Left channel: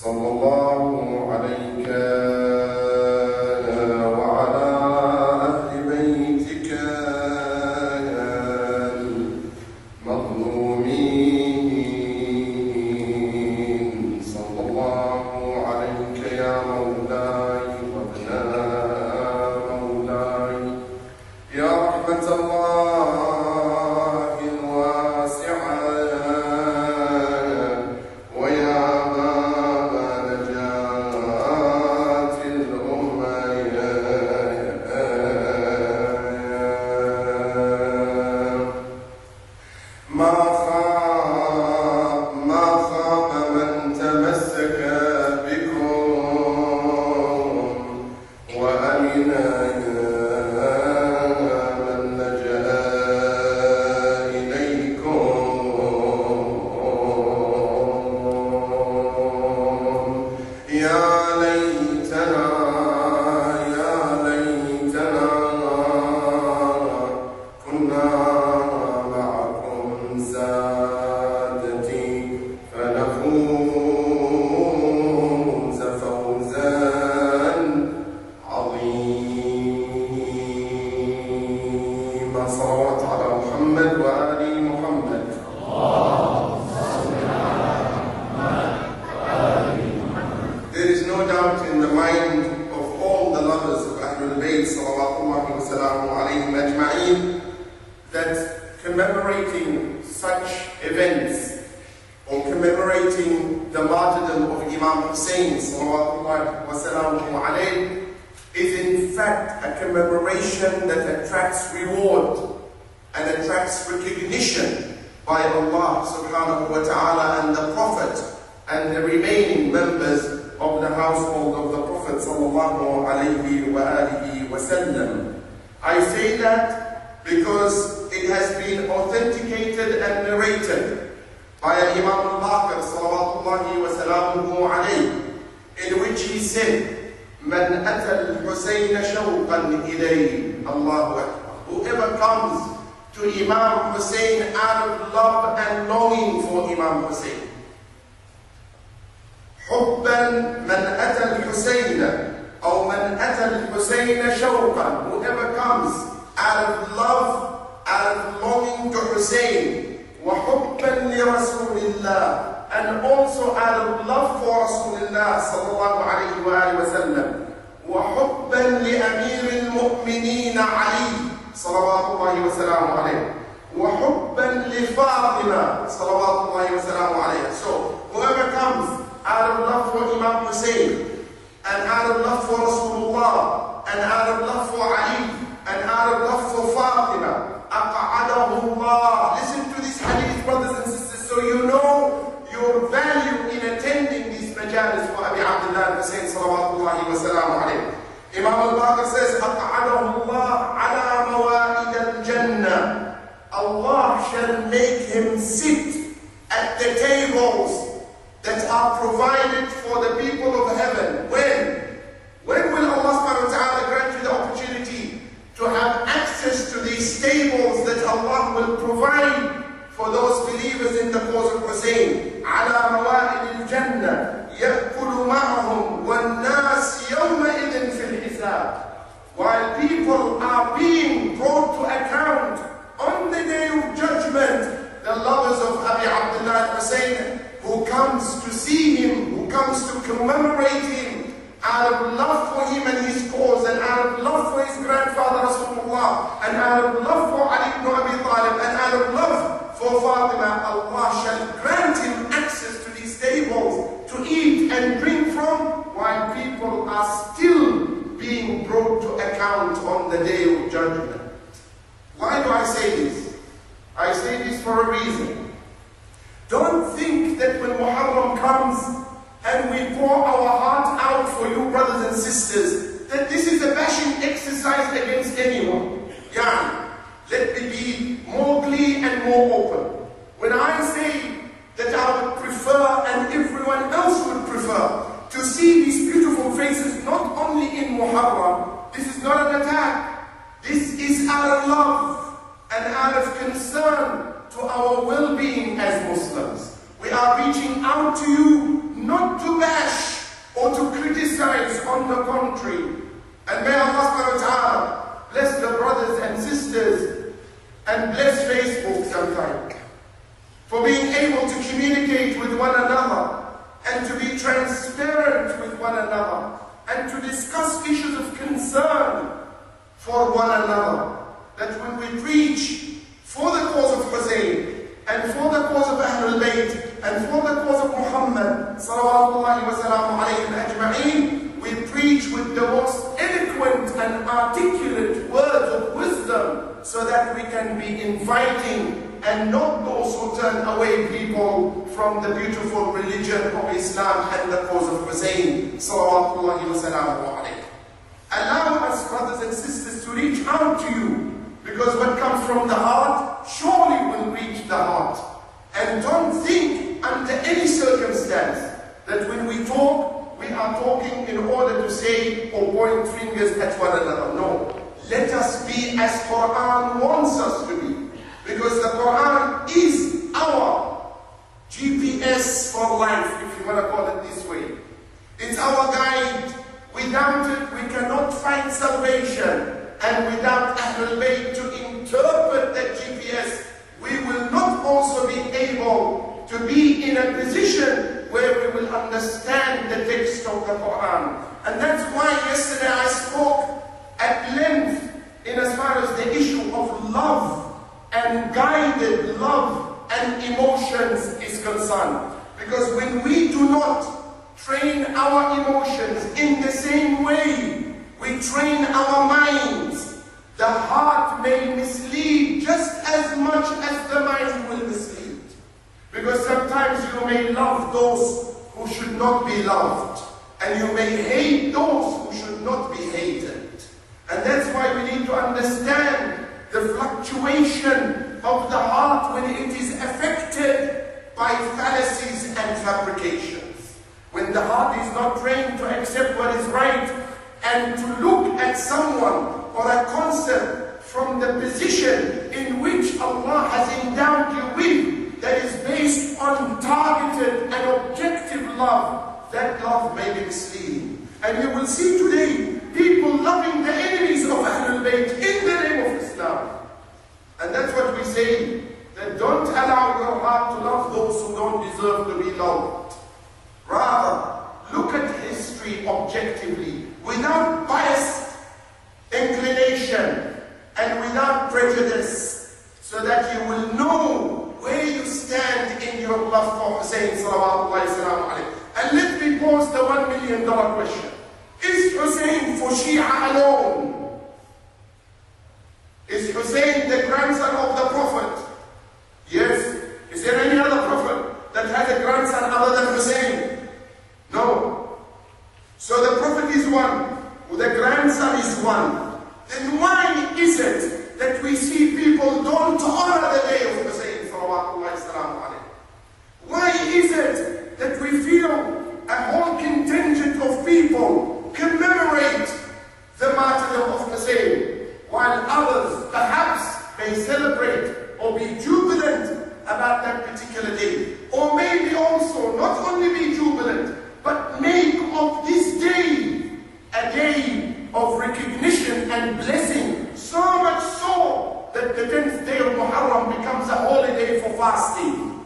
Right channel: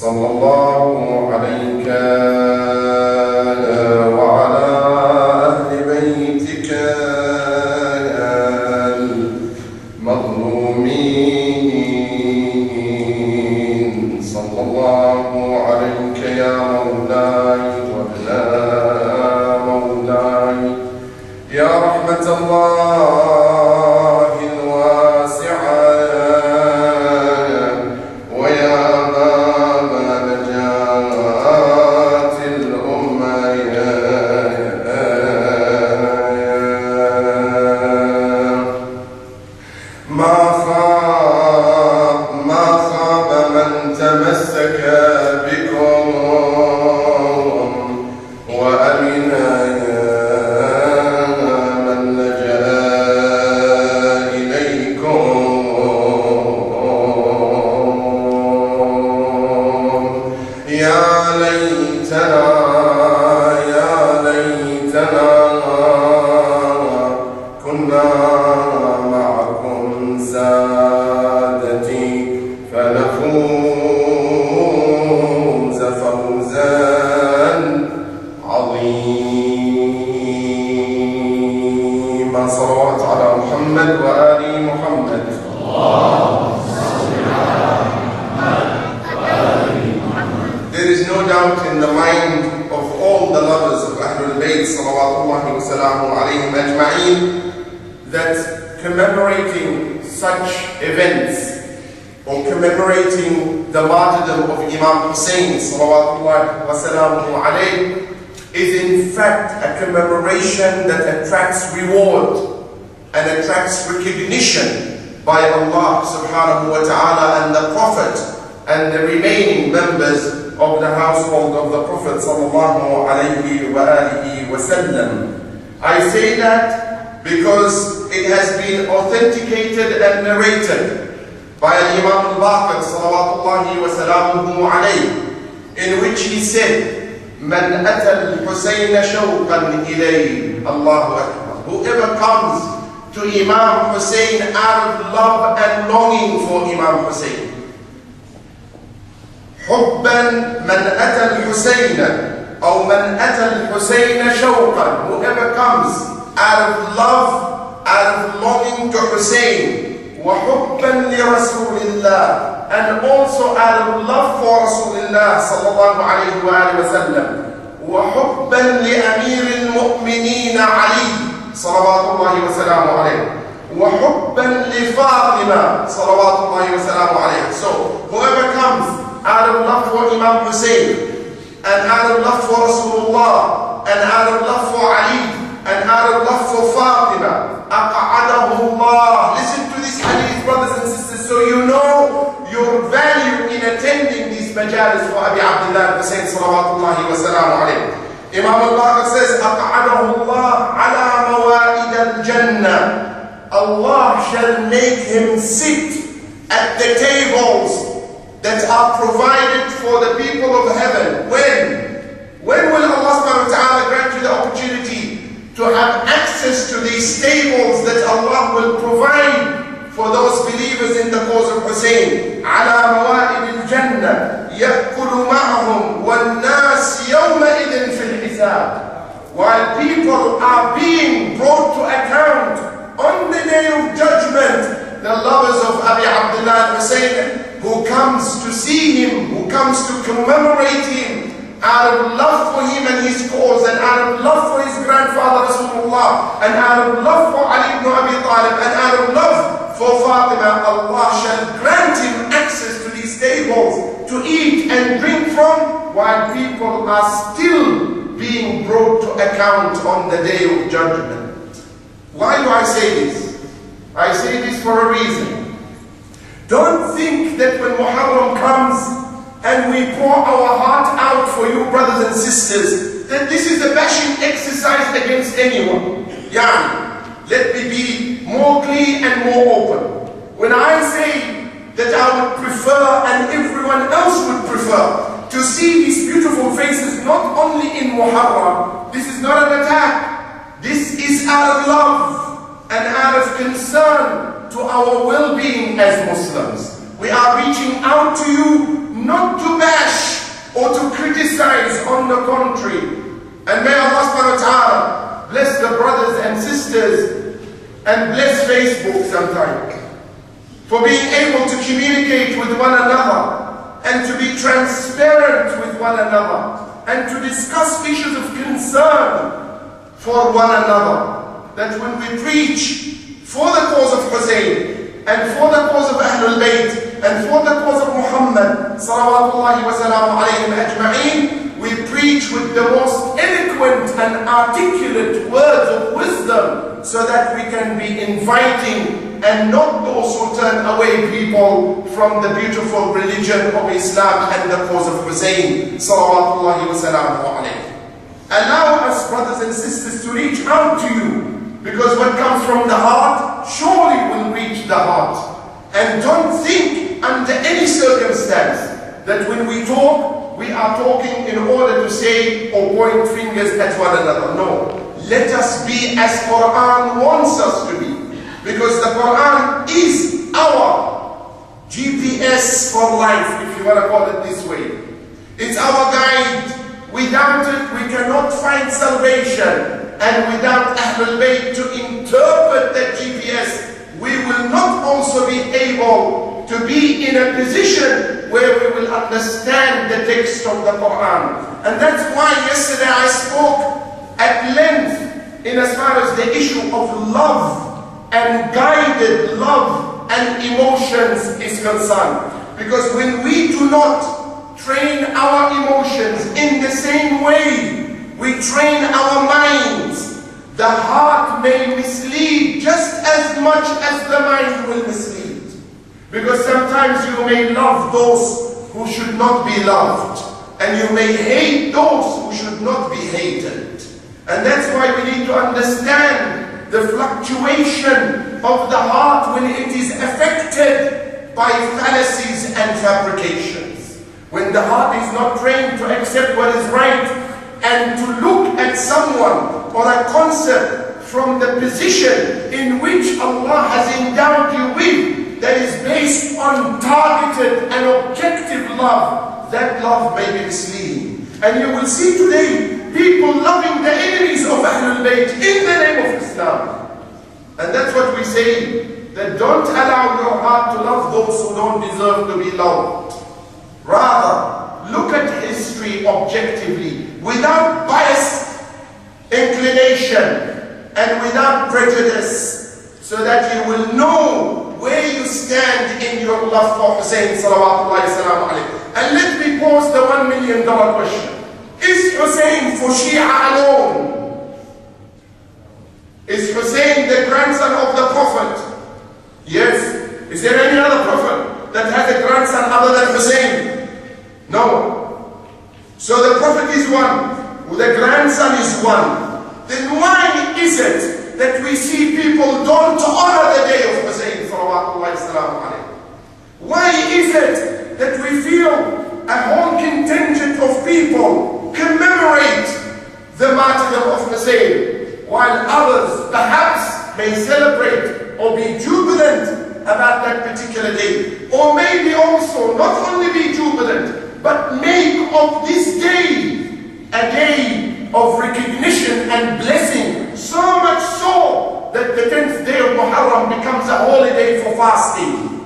صلى الله عليك وعلى أهل بيتك المظلومين صلى الله عليك يا مولاي وابن مولاي يا رحمة الله الواسعة ويا باب نجاة الأمة ما خاب من تمسك بكم وأمن من لجأ إليكم يا ليتنا كنا معكم سادتي فنفوز فوزا عظيما. صلوات على محمد وآل محمد. There is no doubt in the mind of all the lovers of Ahlul Bayt salawatullahi wa salamu alayhim ajma'in that commemorating such events or commemorating the martyrdom of Imam Hussein salawatullahi wa salamu alayhi is in fact a commemoration that attracts reward and attracts recognition by Allah subhanahu wa ta'ala and the Prophet and the remaining members of the household of the Prophet sallallahu alayhi wa alihi wa sallam. I say that because it has been authenticated and narrated by Imam al-Baqir salawatullahi wa salamuhu alayhi, in which he said, "Man ata al-Husayn shawqan ilayhi." Allahu Akbar. Whoever comes to Imam Hussein out of love and longing for Imam Hussein. حبا من أتى الحسين أو من أتى الحسين شوقا. Whoever comes out of love, out of longing to Hussein, وحبا لرسول الله, and also out of love for Rasulullah sallallahu alayhi wa sallam, وحبا لأمير المؤمنين علي صلوات الله وسلامه عليه, وحبا لفاطمة صلوات الله وسلامه عليه. So whoever comes out of love for Imam Hussein, and out of love for Rasulullah, and out of love for Ali, and out of love for Fatima, أقعده الله. Listen to this hadith, brothers and sisters, so you know your value in attending these majalis for Abi Abdullah Hussein salawatullahi wa salamu alayhi. Imam al-Baqir says, أقعده الله على موائد الجنة. Allah shall make him sit at the tables that are provided for the people of heaven. When will Allah subhanahu wa ta'ala grant you the opportunity to have access to these tables that Allah will provide for those believers in the cause of Hussein? على موائد الجنة يأكل معهم والناس يومئذ في الحساب. While people are being brought to account on the day of judgment, the lovers of Abi Abdullah Hussein, who comes to see him, who comes to commemorate him, out of love for him and his cause, and out of love for his grandfather Rasulullah, and out of love for Ali ibn Abi Talib, and out of love for Fatima, Allah shall grant him access to these tables to eat and drink from, while people are still being brought to account on the day of judgment. Why do I say this? I say this for a reason. Don't think that when Muharram comes and we pour our heart out for you, brothers and sisters, that this is a bashing exercise against anyone. Let me be more clear and more open. When I say that I would prefer, and everyone else would prefer, to see these beautiful faces not only in Muharram, this is not an attack. This is out of love and out of concern to our well-being as Muslims. We are reaching out to you not to bash criticize on the contrary. And may Allah subhanahu wa ta'ala bless the brothers and sisters and bless Facebook sometimes for being able to communicate with one another and to be transparent with one another and to discuss issues of concern for one another. That when we preach for the cause of Hussein and for the cause of Ahlul Bayt and for the cause of Muhammad salawatullahi wa salamu alayhim ajma'een, we preach with the most eloquent and articulate words of wisdom so that we can be inviting and not also turn away people from the beautiful religion of Islam and the cause of Hussein salawatullahi wa salamu alayhi. Allow us, brothers and sisters, to reach out to you, because what comes from the heart surely will reach the heart. And don't think under any circumstance that when we talk, we are talking in order to say or point fingers at one another. No. Let us be as Quran wants us to be. Because the Quran is our GPS for life, if you want to call it this way. It's our guide. Without it, we cannot find salvation. And without Ahlul Bayt to interpret that GPS, we will not also be able to be in a position where we will understand the text of the Quran. And that's why yesterday I spoke at length in as far as the issue of love and guided love and emotions is concerned. Because when we do not train our emotions in the same way we train our minds, the heart may mislead just as much as the mind will mislead. Because sometimes you may love those who should not be loved, and you may hate those who should not be hated. And that's why we need to understand the fluctuation of the heart when it is affected by fallacies and fabrications. When the heart is not trained to accept what is right and to look at someone or a concept from the position in which Allah has endowed you with, that is based on targeted and objective love, that love may be misleading. And you will see today people loving the enemies of Ahlul Bayt in the name of Islam. And that's what we say, that don't allow your heart to love those who don't deserve to be loved. Rather, look at history objectively, without biased inclination and without prejudice, so that you will know where you stand in your love for Hussein salawatullahi salamu alayhi. And let me pose the $1 million question. Is Hussein for Shia alone? Is Hussein the grandson of the Prophet? Yes. Is there any other Prophet that has a grandson other than Hussein? No. So the Prophet is one, the grandson is one. Then why is it that we see people don't honor the day of Hussein salawatullahi salamu alayhi? Why is it that we feel a whole contingent of people commemorate the martyrdom of Hussein, while others perhaps may celebrate or be jubilant about that particular day? Or maybe also not only be jubilant, but make of this day a day of recognition and blessing, so much so that the 10th day of Muharram becomes a holy day for fasting.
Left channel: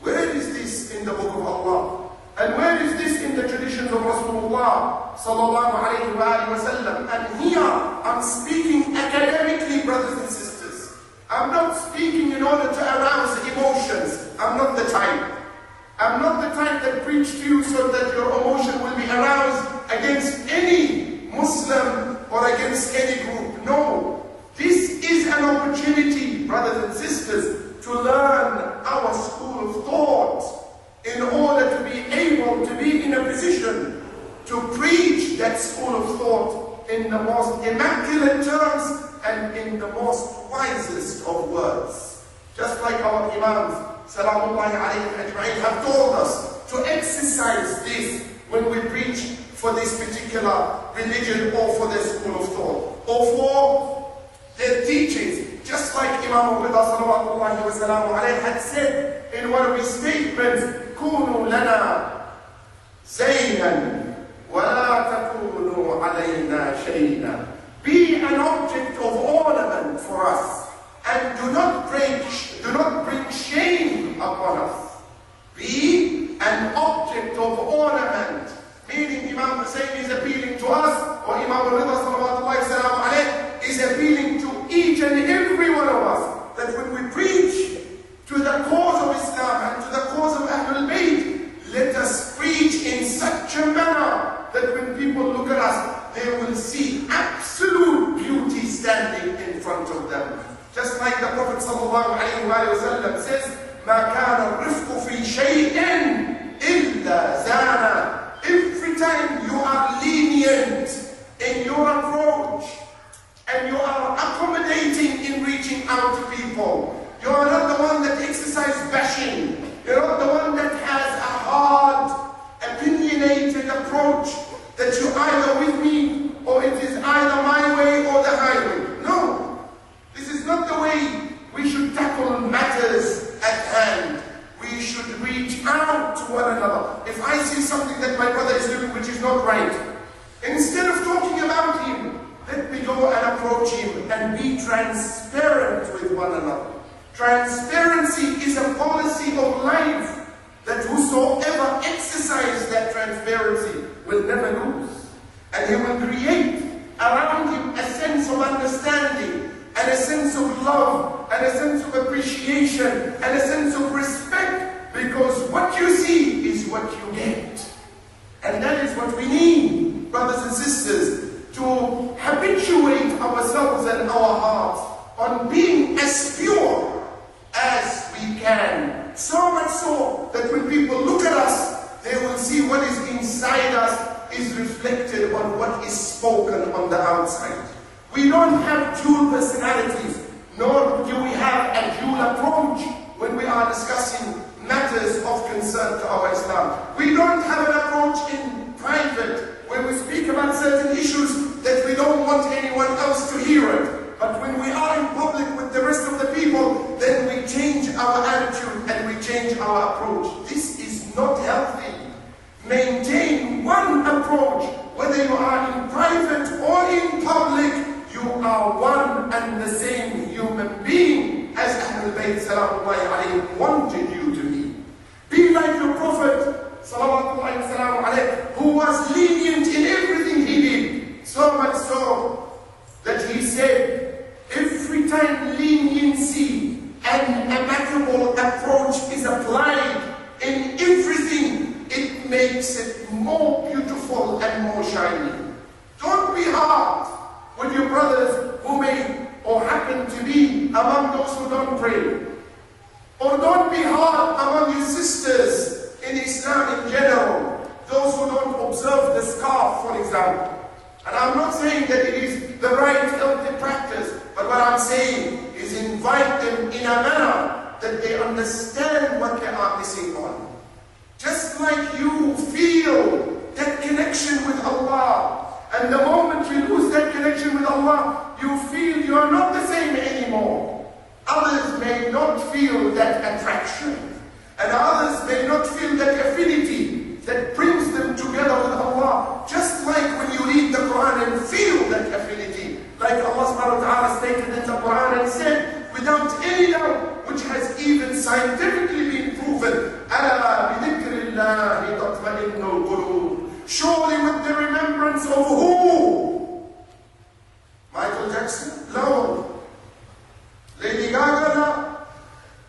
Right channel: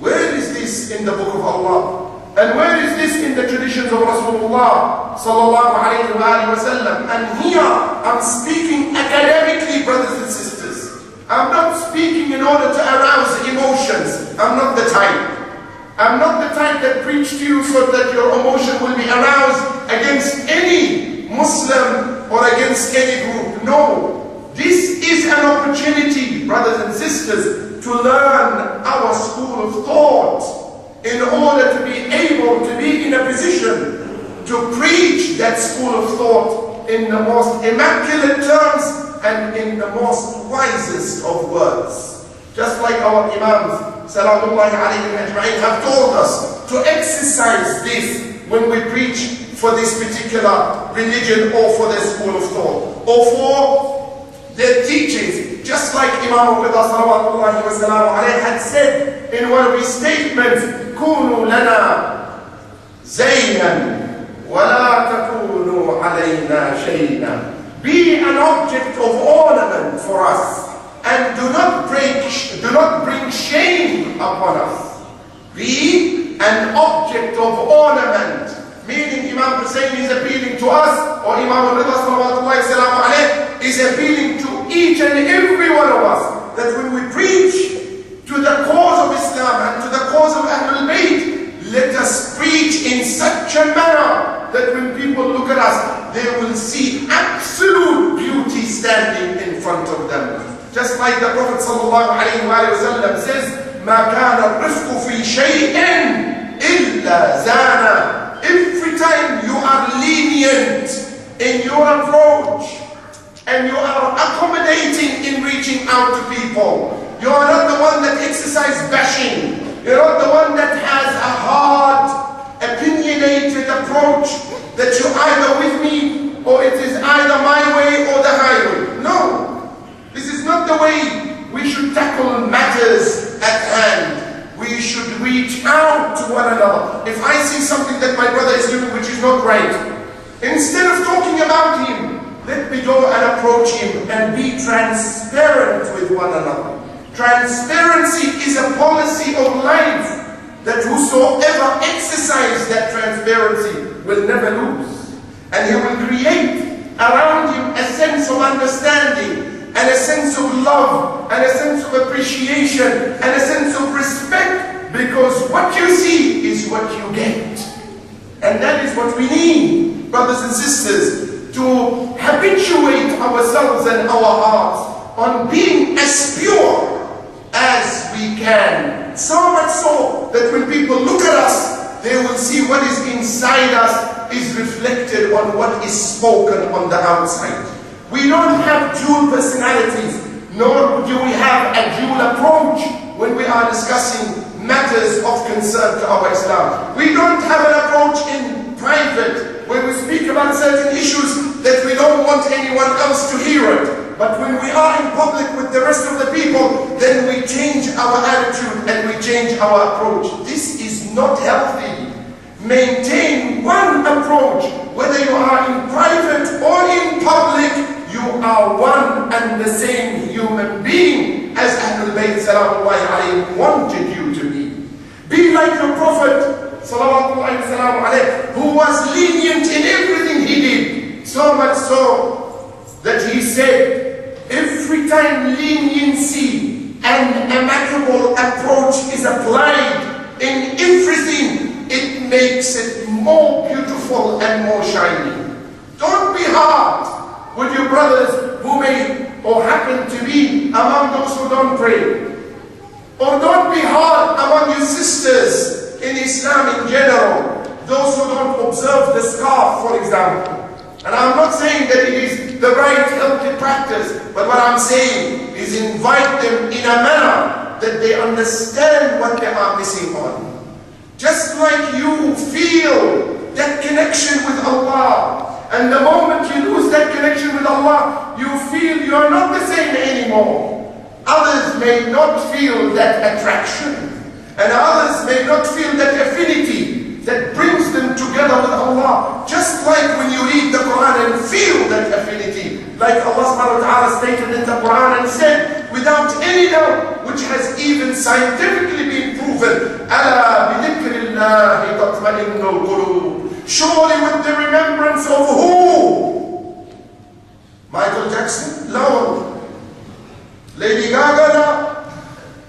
Where is this in the book of Allah? And where is this in the traditions of Rasulullah sallallahu alayhi wa sallam? And here I'm speaking academically, brothers and sisters. I'm not speaking in order to arouse emotions. I'm not the type. I'm not the type that preach to you so that your emotion will be aroused against any Muslim or against any group. No. This is an opportunity, brothers and sisters, to learn our school of thought in order to be able to be in a position to preach that school of thought in the most immaculate terms and in the most wisest of words. Just like our Imams Salamullahi alayhim ajma'in have told us to exercise this when we preach for this particular religion or for the school of thought or for their teachings. Just like Imam Rida salawatullahi wa salamu alayhi had said in one of his statements, كونوا لنا زينا ولا عَلَيْنَا شَيْئًا. Be an object of ornament for us, and do not bring shame upon us. Be an object of ornament, meaning Imam Hussein is appealing to us, or Imam al-Rida sallallahu alayhi wa is appealing to each and every one of us, that when we preach to the cause of Islam and to the cause of Ahlul Bayt, let us preach in such a manner that when people look at us, they will see absolute beauty standing in front of them. Just like the Prophet ﷺ says, مَا كَانَ الرِّفْقُ فِي شَيْءٍ إِلَّا زَانَ. Every time you are lenient in your approach and you are accommodating in reaching out to people, you are not the one that exercises bashing. You're not the one that has a hard, opinionated approach that you're either with me or it is either my way or the highway. No, this is not the way we should tackle matters at hand. We should reach out to one another. If I see something that my brother is doing which is not right, instead of talking about him, let me go and approach him and be transparent with one another. Transparency is a policy of life that whosoever exercises that transparency will never lose. And he will create around him a sense of understanding, and a sense of love, and a sense of appreciation, and a sense of respect, because what you see is what you get. And that is what we need, brothers and sisters, to habituate ourselves and our hearts on being as pure as we can. So much so that when people look at us, they will see what is inside us is reflected on what is spoken on the outside. We don't have dual personalities, nor do we have a dual approach when we are discussing matters of concern to our Islam. We don't have an approach in private when we speak about certain issues that we don't want anyone else to hear it. But when we are in public with the rest of the people, then we change our attitude and we change our approach. This is not healthy. Maintain one approach. Whether you are in private or in public, you are one and the same human being as Ahlul Bayt salamullahi alayhi wanted you to be. Be like your Prophet sallallahu alayhi who was lenient in everything he did. So much so that he said, every time leniency and amicable approach is applied in everything, it makes it more beautiful and more shining. Don't be hard with your brothers who may or happen to be among those who don't pray. Or don't be hard among your sisters in Islam in general, those who don't observe the scarf, for example. And I'm not saying that it is the right healthy practice, but what I'm saying is invite them in a manner that they understand what they are missing on. Just like you feel that connection with Allah, and the moment you lose that connection with Allah, you feel you are not the same anymore. Others may not feel that attraction, and others may not feel that affinity that brings them together with Allah. Just like when you read the Quran and feel that affinity, like Allah subhanahu wa ta'ala stated in the Quran and said, without any doubt, which has even scientifically been proven, أَلَا بِذِكْرِ اللَّهِ تَطْمَئِنُّ الْقُلُوبُ. Surely with the remembrance of who? Michael Jackson? No. Lady Gaga? No.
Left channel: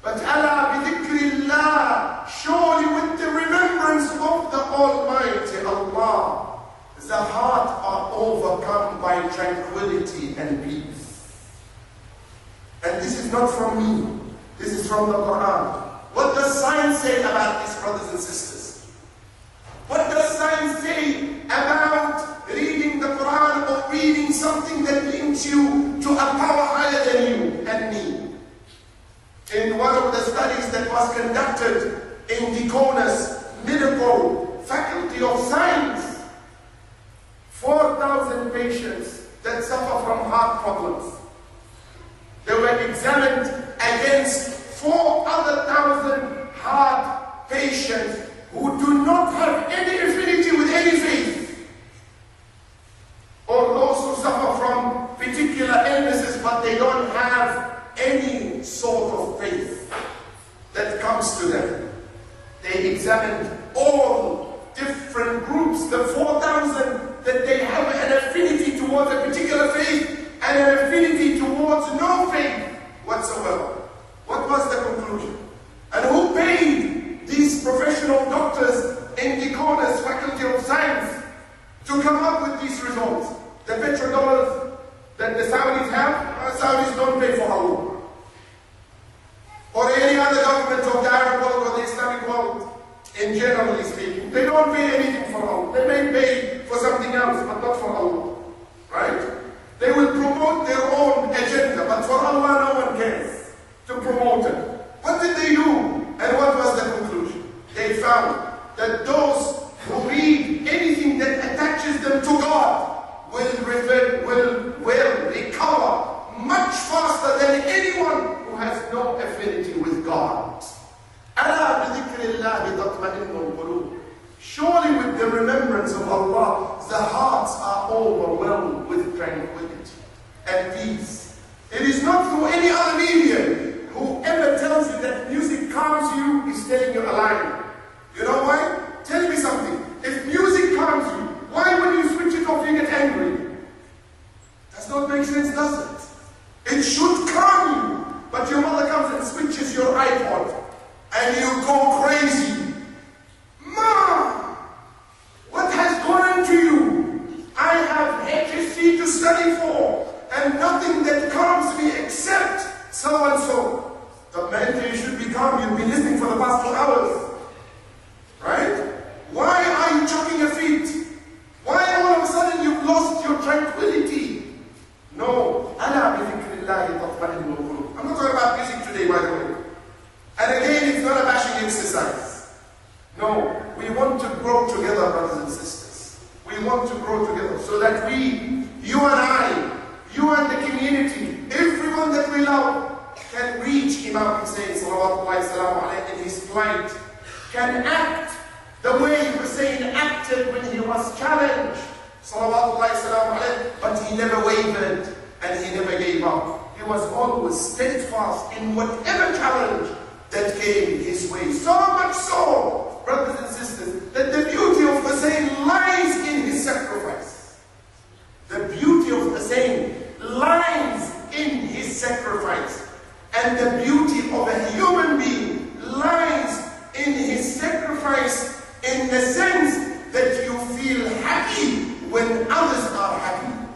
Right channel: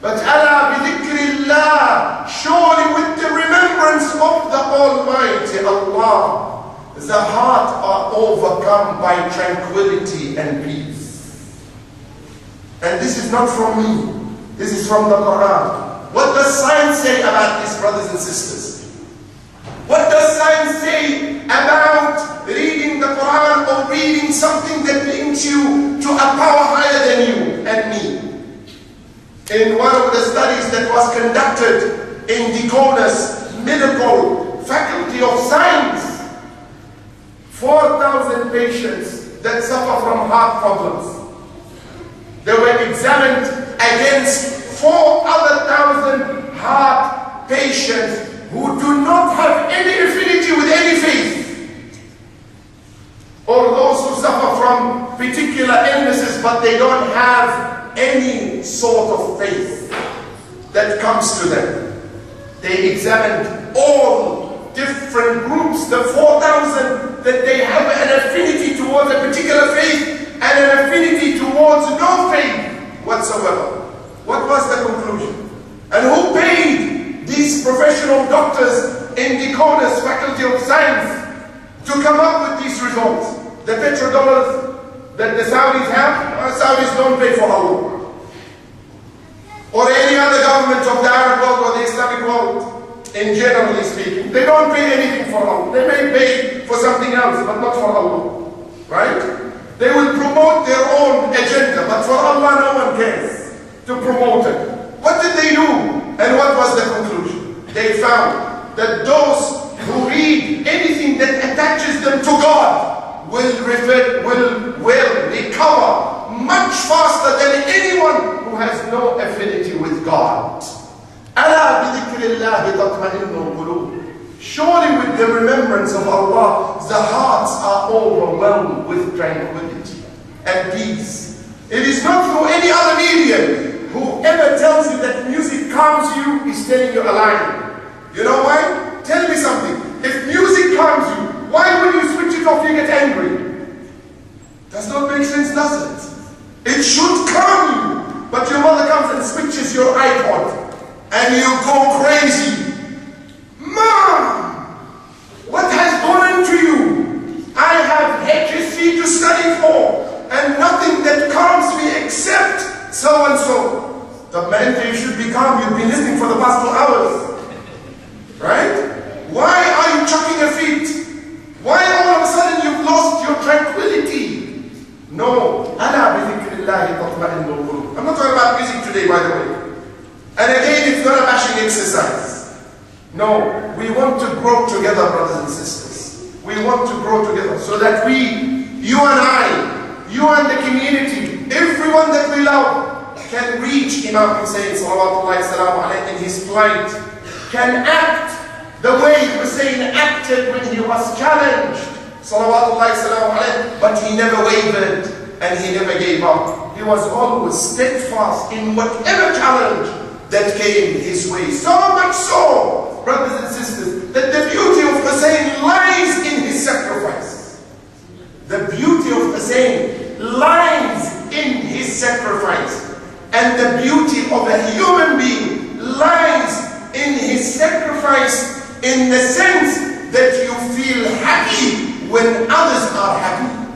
But Allah bidhikrillah, surely with the remembrance of the Almighty Allah, the heart are overcome by tranquility and peace. And this is not from me, this is from the Quran. What does science say about this, brothers and sisters? What does science say about reading the Quran or reading something that links you to a power higher than you and me? In one of the studies that was conducted in Deaconess Medical Faculty of Science, 4,000 patients that suffer from heart problems. They were examined against 4,000 heart patients who do not have any affinity with any faith. but they don't have any sort of faith that comes to them. They examined all different groups, the 4,000, that they have an affinity towards a particular faith and an affinity towards no faith whatsoever. What was the conclusion? And who paid these professional doctors in the Decoder's Faculty of Science to come up with these results? The petrodollars that the Saudis have, Saudis don't pay for Allah. Or any other government of the Arab world or the Islamic world, in generally speaking. They don't pay anything for Allah. They may pay for something else, but not for Allah. Right? They will promote their own agenda, but for Allah no one cares to promote it. What did they do? And what was the conclusion? They found that those who read anything that attaches them to God will recover much faster than anyone who has no affinity with God. أَلَا بِذِكْرِ اللَّهِ تَطْمَئِنُّ الْقُلُوبُ. Surely with the remembrance of Allah, the hearts are overwhelmed with tranquility and peace. It is not through any other medium. Whoever tells you that music calms you is telling you a lie. You know why? Tell me something. If music calms you, why when you switch it off you get angry? Does not make sense, does it? It should calm you. But your mother comes and switches your iPod and you go crazy. Mom, what has gone into you? I have HSC to study for and nothing that calms me except so and so. The man, you should be calm. You've been listening for the past 2 hours. Right? Why are you chucking your feet? Why all of a sudden you've lost your tranquility? No. I'm not talking about music today, by the way. And again, it's not a bashing exercise. No. We want to grow together, brothers and sisters. We want to grow together so that we, you and I, you and the community, everyone that we love, can reach Imam Hussein salawatullahi salamu alayhi in his plight, can act the way Hussein acted when he was challenged salawatullahi salamu alayhi, but he never wavered and he never gave up. He was always steadfast in whatever challenge that came his way. So much so, brothers and sisters, that the beauty of Hussein lies in his sacrifice. The beauty of Hussein lies in his sacrifice. And the beauty of a human being lies in his sacrifice in the sense that you feel happy when others are happy.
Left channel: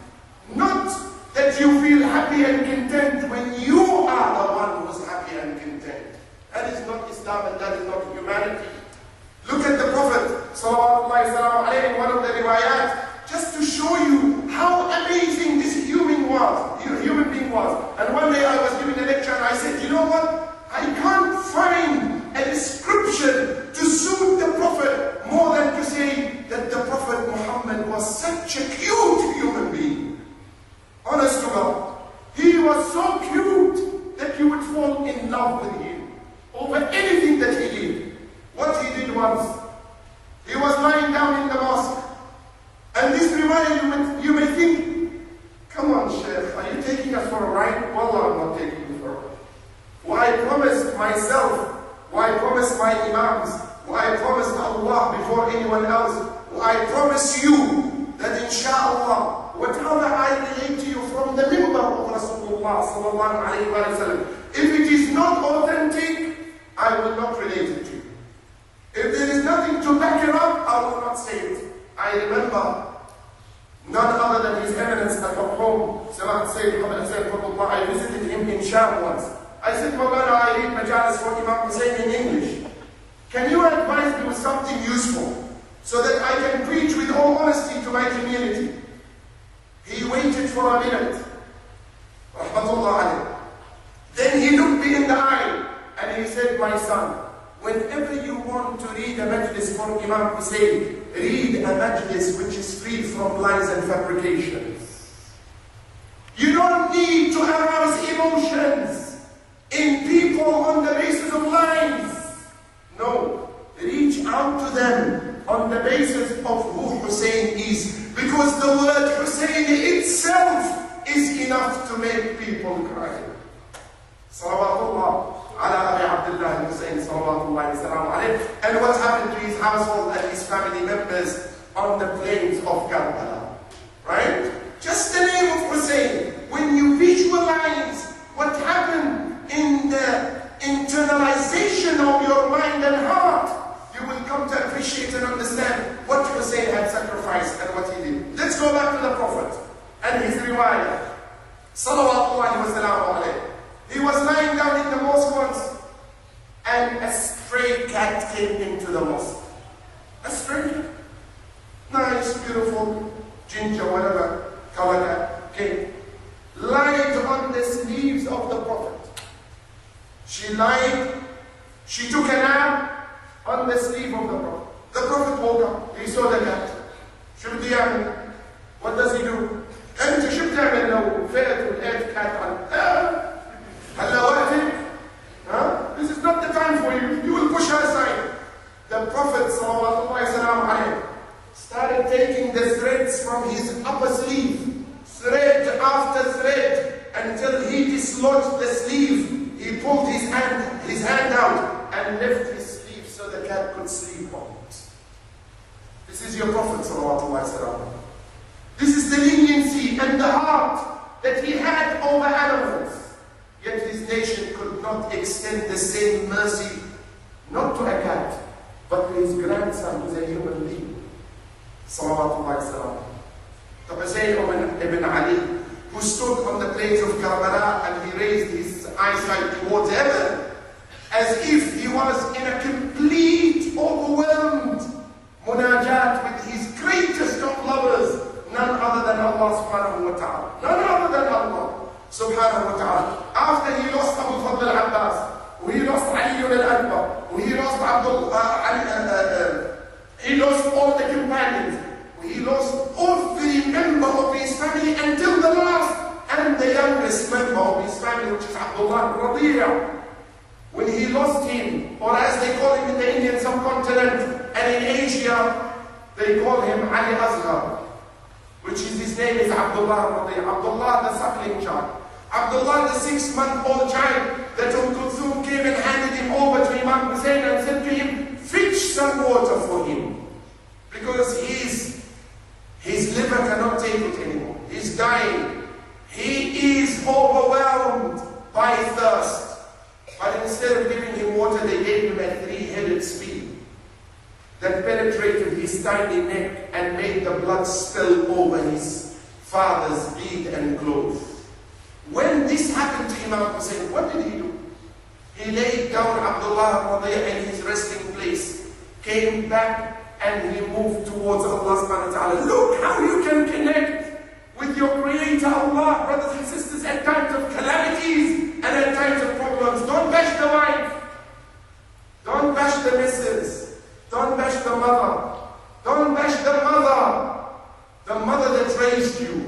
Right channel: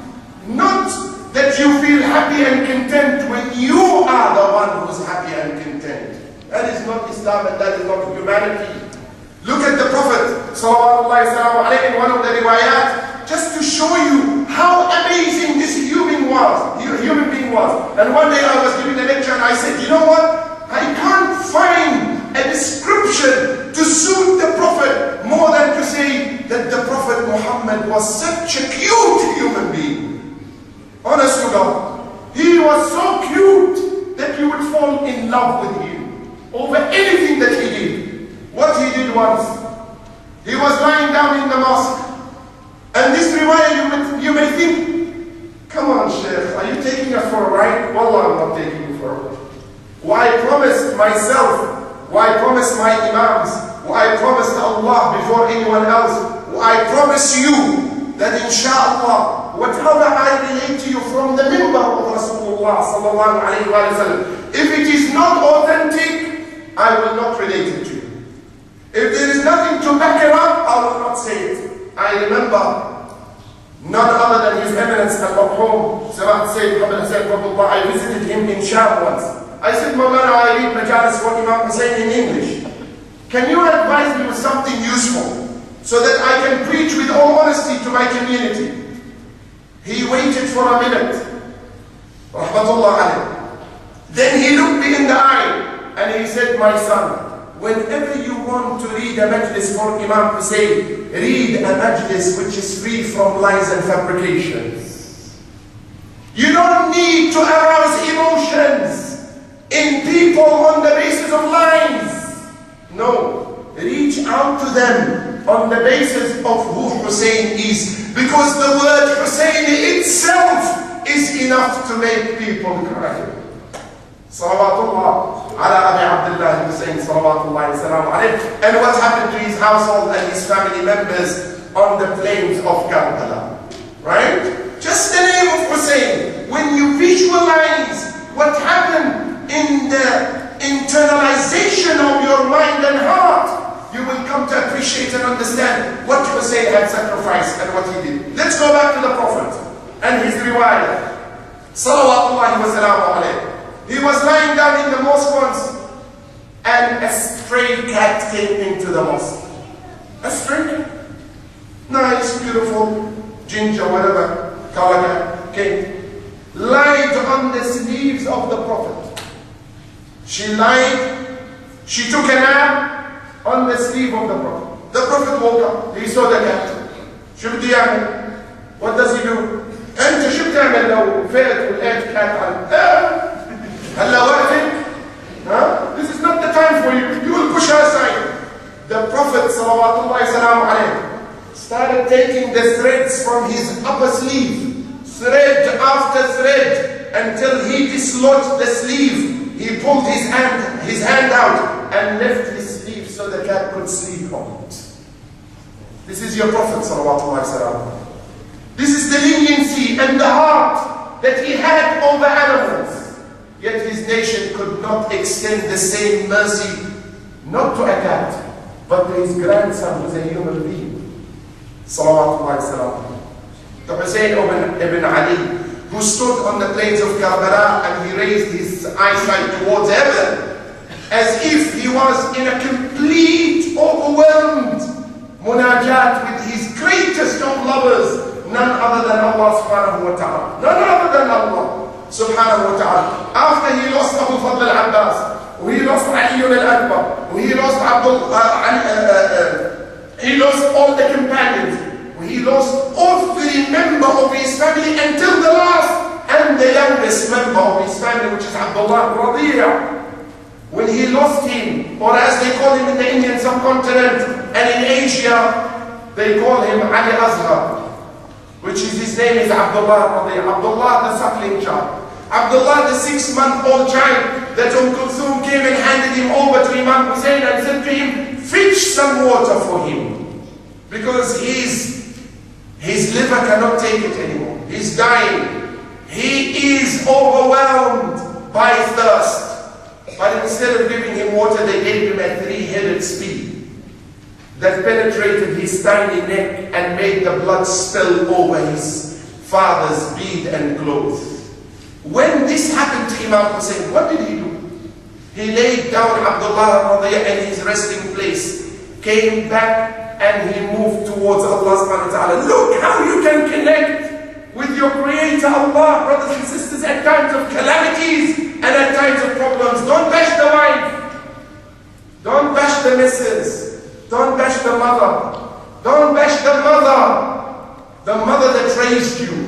Not that you feel happy and content when you are the one who's happy and content. That is not Islam and that is not humanity. Look at the Prophet sallallahu alayhi in one of the riwayat, just to show you how amazing this human being was. And one day I was giving a lecture and I said, you know what? I can't find a description to suit the Prophet more than to say that the Prophet Muhammad was such a cute human being. Honest to God. He was so cute that you would fall in love with him over anything that he did. What he did once, he was lying down in the mosque. And this riwayah, you may think, come on, Sheikh, are you taking us for a ride? Wallah, I'm not taking you for a ride. Why I promised myself, why I promised my imams, why I promised Allah before anyone else, I promise you that inshallah, whatever I relate to you from the minbar of Rasulullah sallallahu alayhi wa sallam, if it is not authentic, I will not relate it to you. If there is nothing to back it up, I will not say it. I remember none other than His Eminence al-Marhum Sayyid Muhammad Hussain Rahmatullah. I visited him in Sham once. I said, Mawlana, I read Majalis for Imam Hussain in English. Can you advise me with something useful so that I can preach with all honesty to my community? He waited for a minute. Rahmatullah alayhi. Then he looked me in the eye and he said, my son, whenever you want to read a majlis for Imam Hussein, read a majlis which is free from lies and fabrications. You don't need to arouse emotions in people on the basis of lies. No, reach out to them on the basis of who Hussein is. Because the word Hussein itself is enough to make people cry. Salawatullah ala Abi Abdullah Hussein, salawatullahi wa salamu alayhi. And what happened to his household and his family members on the plains of Karbala. Right? Just the name of Hussein. When you visualize what happened in the internalization of your mind and heart, you will come to appreciate and understand what Hussein had sacrificed and what he did. Let's go back to the Prophet and his riwayah. Salawatullahi wa salamu alayhi. He was lying down in the mosque once, and a stray cat came into the mosque. A stray cat. Nice, beautiful, ginger, whatever, color cat came. Lied on the sleeves of the Prophet. She lied, she took a nap on the sleeve of the Prophet. The Prophet woke up, he saw the cat. شو بده يعمل? What does he do? أنت شو بتعمل لو فات ولقيت كات على هلا وقتك؟ This is not the time for you. You will push her aside. The Prophet salawatullahi salamu alayhi started taking the threads from his upper sleeve, thread after thread, until he dislodged the sleeve. He pulled his hand out and left his sleeve so the cat could sleep on it. This is your Prophet salawatullahi salamu. This is the leniency and the heart that he had over animals. Yet his nation could not extend the same mercy, not to a cat, but to his grandson, who's a human being. Salawatullahi salam. The Hussein ibn Ali, who stood on the plains of Karbala and he raised his eyesight towards heaven, as if he was in a complete, overwhelmed munajat with his greatest of lovers, none other than Allah subhanahu wa ta'ala. None other than Allah subhanahu wa ta'ala. After he lost Abu Fadl al-Abbas, he lost Ali al-Akbar, he lost he lost all the companions, he lost every member of his family until the last and the youngest member of his family, which is Abdullah Radiya. When he lost him, or as they call him in the Indian subcontinent and in Asia, they call him Ali Azhar, which is his name is Abdullah Radiya. Abdullah the suckling child. Abdullah the 6-month-old child that Kulthum came and handed him over to Imam Hussein and said to him, fetch some water for him, because his liver cannot take it anymore. He's dying. He is overwhelmed by thirst. But instead of giving him water, they gave him a 3-headed spear that penetrated his tiny neck and made the blood spill over his father's bead and clothes. When this happened to Imam Hussein, what did he do? He laid down Abdullah in his resting place, came back and he moved towards Allah subhanahu wa ta'ala. Look how you can connect with your Creator Allah, brothers and sisters, at times of calamities and at times of problems. Don't bash the wife. Don't bash the missus. Don't bash the mother. Don't bash the mother. The mother that raised you.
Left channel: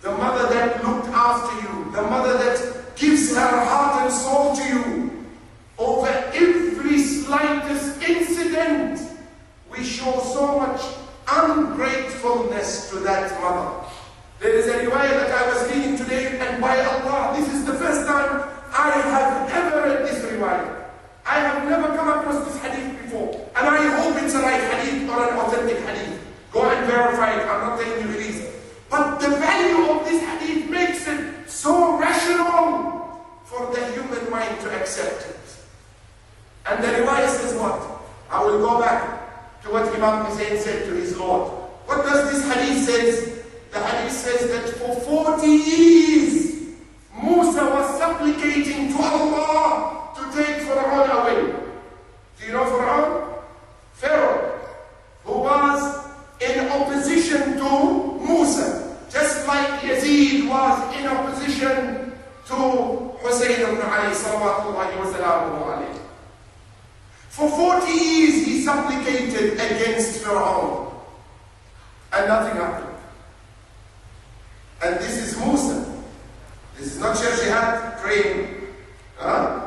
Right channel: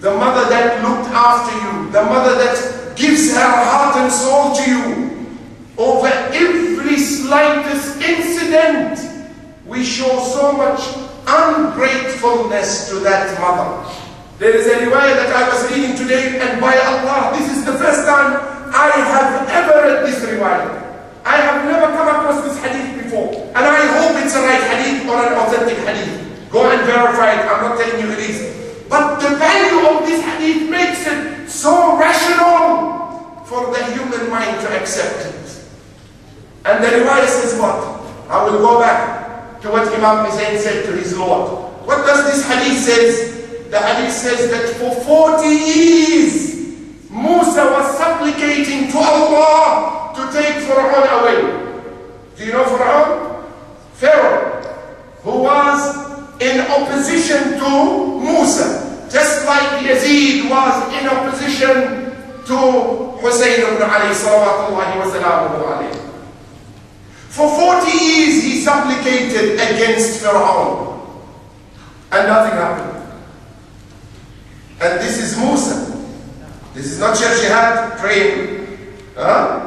The mother that looked after you. The mother that gives her heart and soul to you. Over every slightest incident, we show so much ungratefulness to that mother. There is a riwayah that I was reading today, and by Allah, this is the first time I have ever read this riwayah. I have never come across this hadith before, and I hope it's a right hadith or an authentic hadith. Go and verify it. I'm not telling you it is. But the value of this hadith makes it so rational for the human mind to accept it. And the riwayah says what? I will go back to what Imam Hussein said to his Lord. What does this hadith say? The hadith says that for 40 years, Musa was supplicating to Allah to take Fir'aun away. Do you know Fir'aun? Pharaoh, who was in opposition to Musa, just like Yazid was in opposition to Hussein ibn Ali salawatullahi wa salamuhu alayhi. For 40 years he supplicated against Fir'aun, and nothing happened. And this is Musa. This is not Sheikh Jihad praying.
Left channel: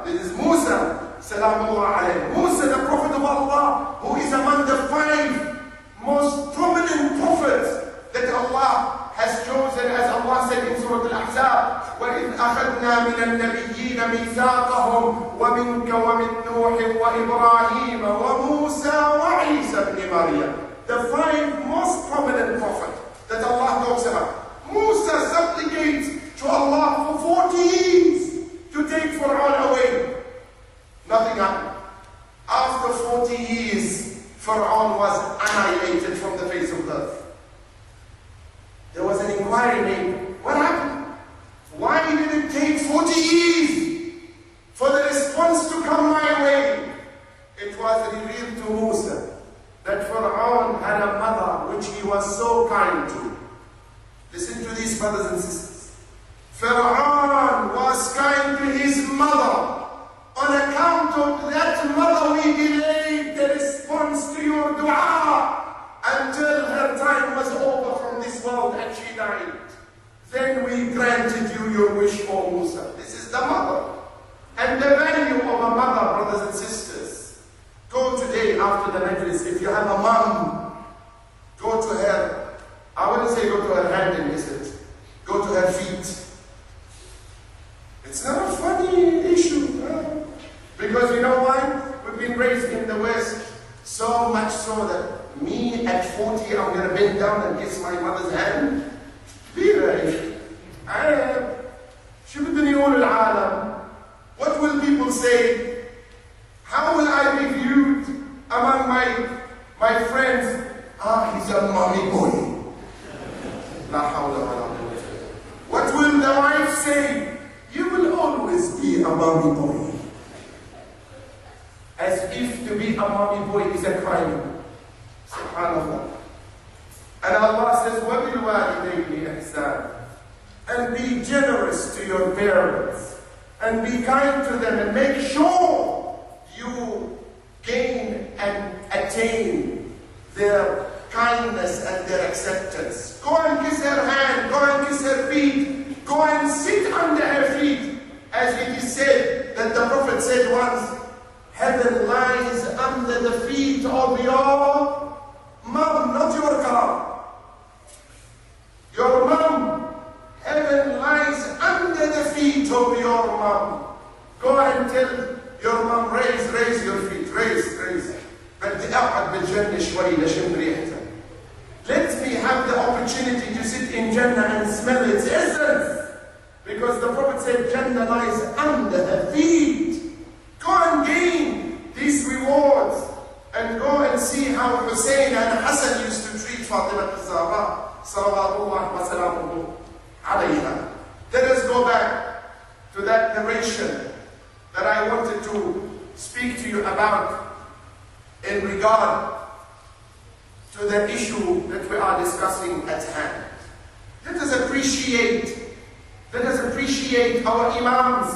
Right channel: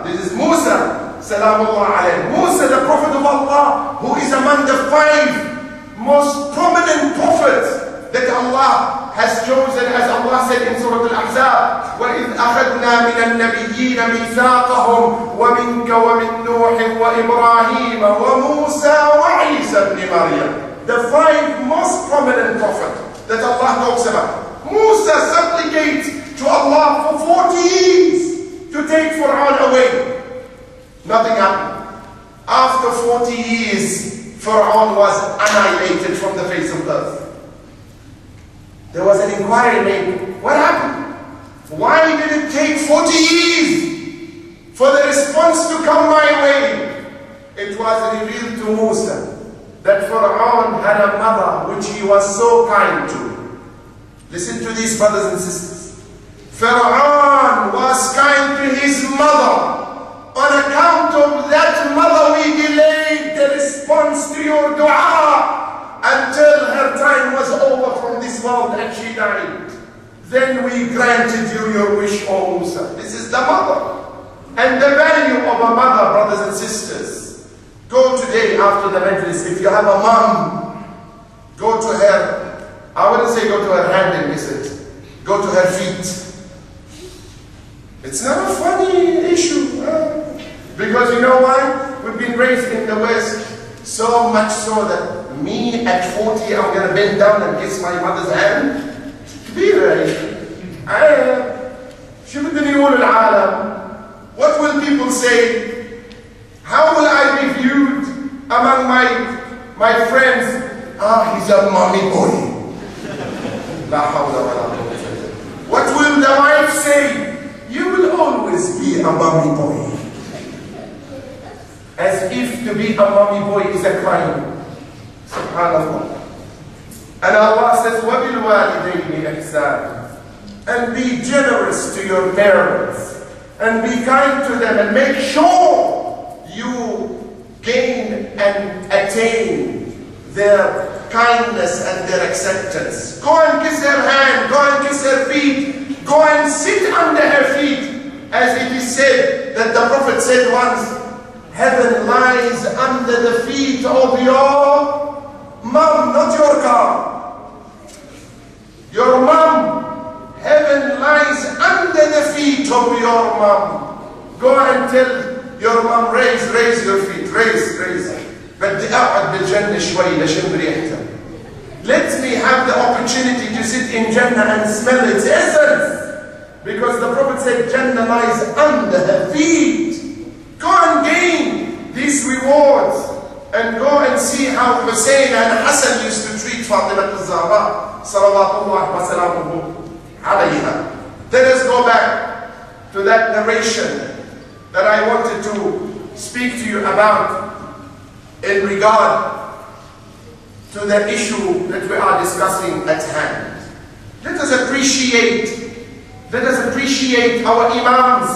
This is Musa, salamullah alayhi. Musa, the Prophet of Allah, who is among the 5 most prominent prophets that Allah has chosen as Allah Allah said in Surah Al-Ahzab, وَإِذْ أَخَذْنَا مِنَ النَّبِيِّينَ مِيثَاقَهُمْ وَمِنْكَ وَمِنْ نُوحٍ وَإِبْرَاهِيمَ وَمُوسَى وَعِيسَى ابْنِ مَرْيَمَ. The 5 most prominent prophets that Allah talks about. Musa supplicates to Allah for 40 years to take Fir'aun away. Nothing happened. After 40 years, Fir'aun was annihilated from the face of earth. There was an inquiry made. What happened? Why did it take 40 years for the response to come my way? It was revealed to Musa that Fir'aun had a mother which he was so kind to. Listen to these, brothers and sisters. Fir'aun was kind to his mother. On account of that mother, we delayed the response to your dua until her time was over from this world and she died. Then we granted you your wish, O Musa. This is the mother. And the value of a mother, brothers and sisters. Go today after the Majalis. If you have a mom, go to her. I wouldn't say go to her hand and kiss it. Go to her feet. It's not a funny issue. Because you know why? We've been raised in the West so much so that me at 40, I'm going to bend down and kiss my mother's hand. كبيرة. شو بدهم يقولوا العالم? What will people say? How will I be viewed among my friends? He's a mommy boy. لا حول ولا قوة. What will the wife say? You will always be a mommy boy. As if to be a mommy boy is a crime. Subhanallah. And Allah says, وَبِالْوَالِدَيْنِ إِحْسَانًا. And be generous to your parents. And be kind to them. And make sure you gain and attain their kindness and their acceptance. Go and kiss her hand. Go and kiss her feet. Go and sit under her feet. As it is said, that the Prophet said once, heaven lies under the feet of your mom, not your car. Your mom. Heaven lies under the feet of your mom. Go and tell your mom, raise your feet. Raise. بدي أقعد بالجنة شوي لشم ريحتها. Let me have the opportunity to sit in Jannah and smell its essence. Because the Prophet said Jannah lies under her feet. Go and gain these rewards. And go and see how Hussein and Hassan used to treat Fatima al-Zahra. Salawatullah wa salamuhu alayha. Let us go back to that narration that I wanted to speak to you about in regard to the issue that we are discussing at hand. Let us appreciate our imams,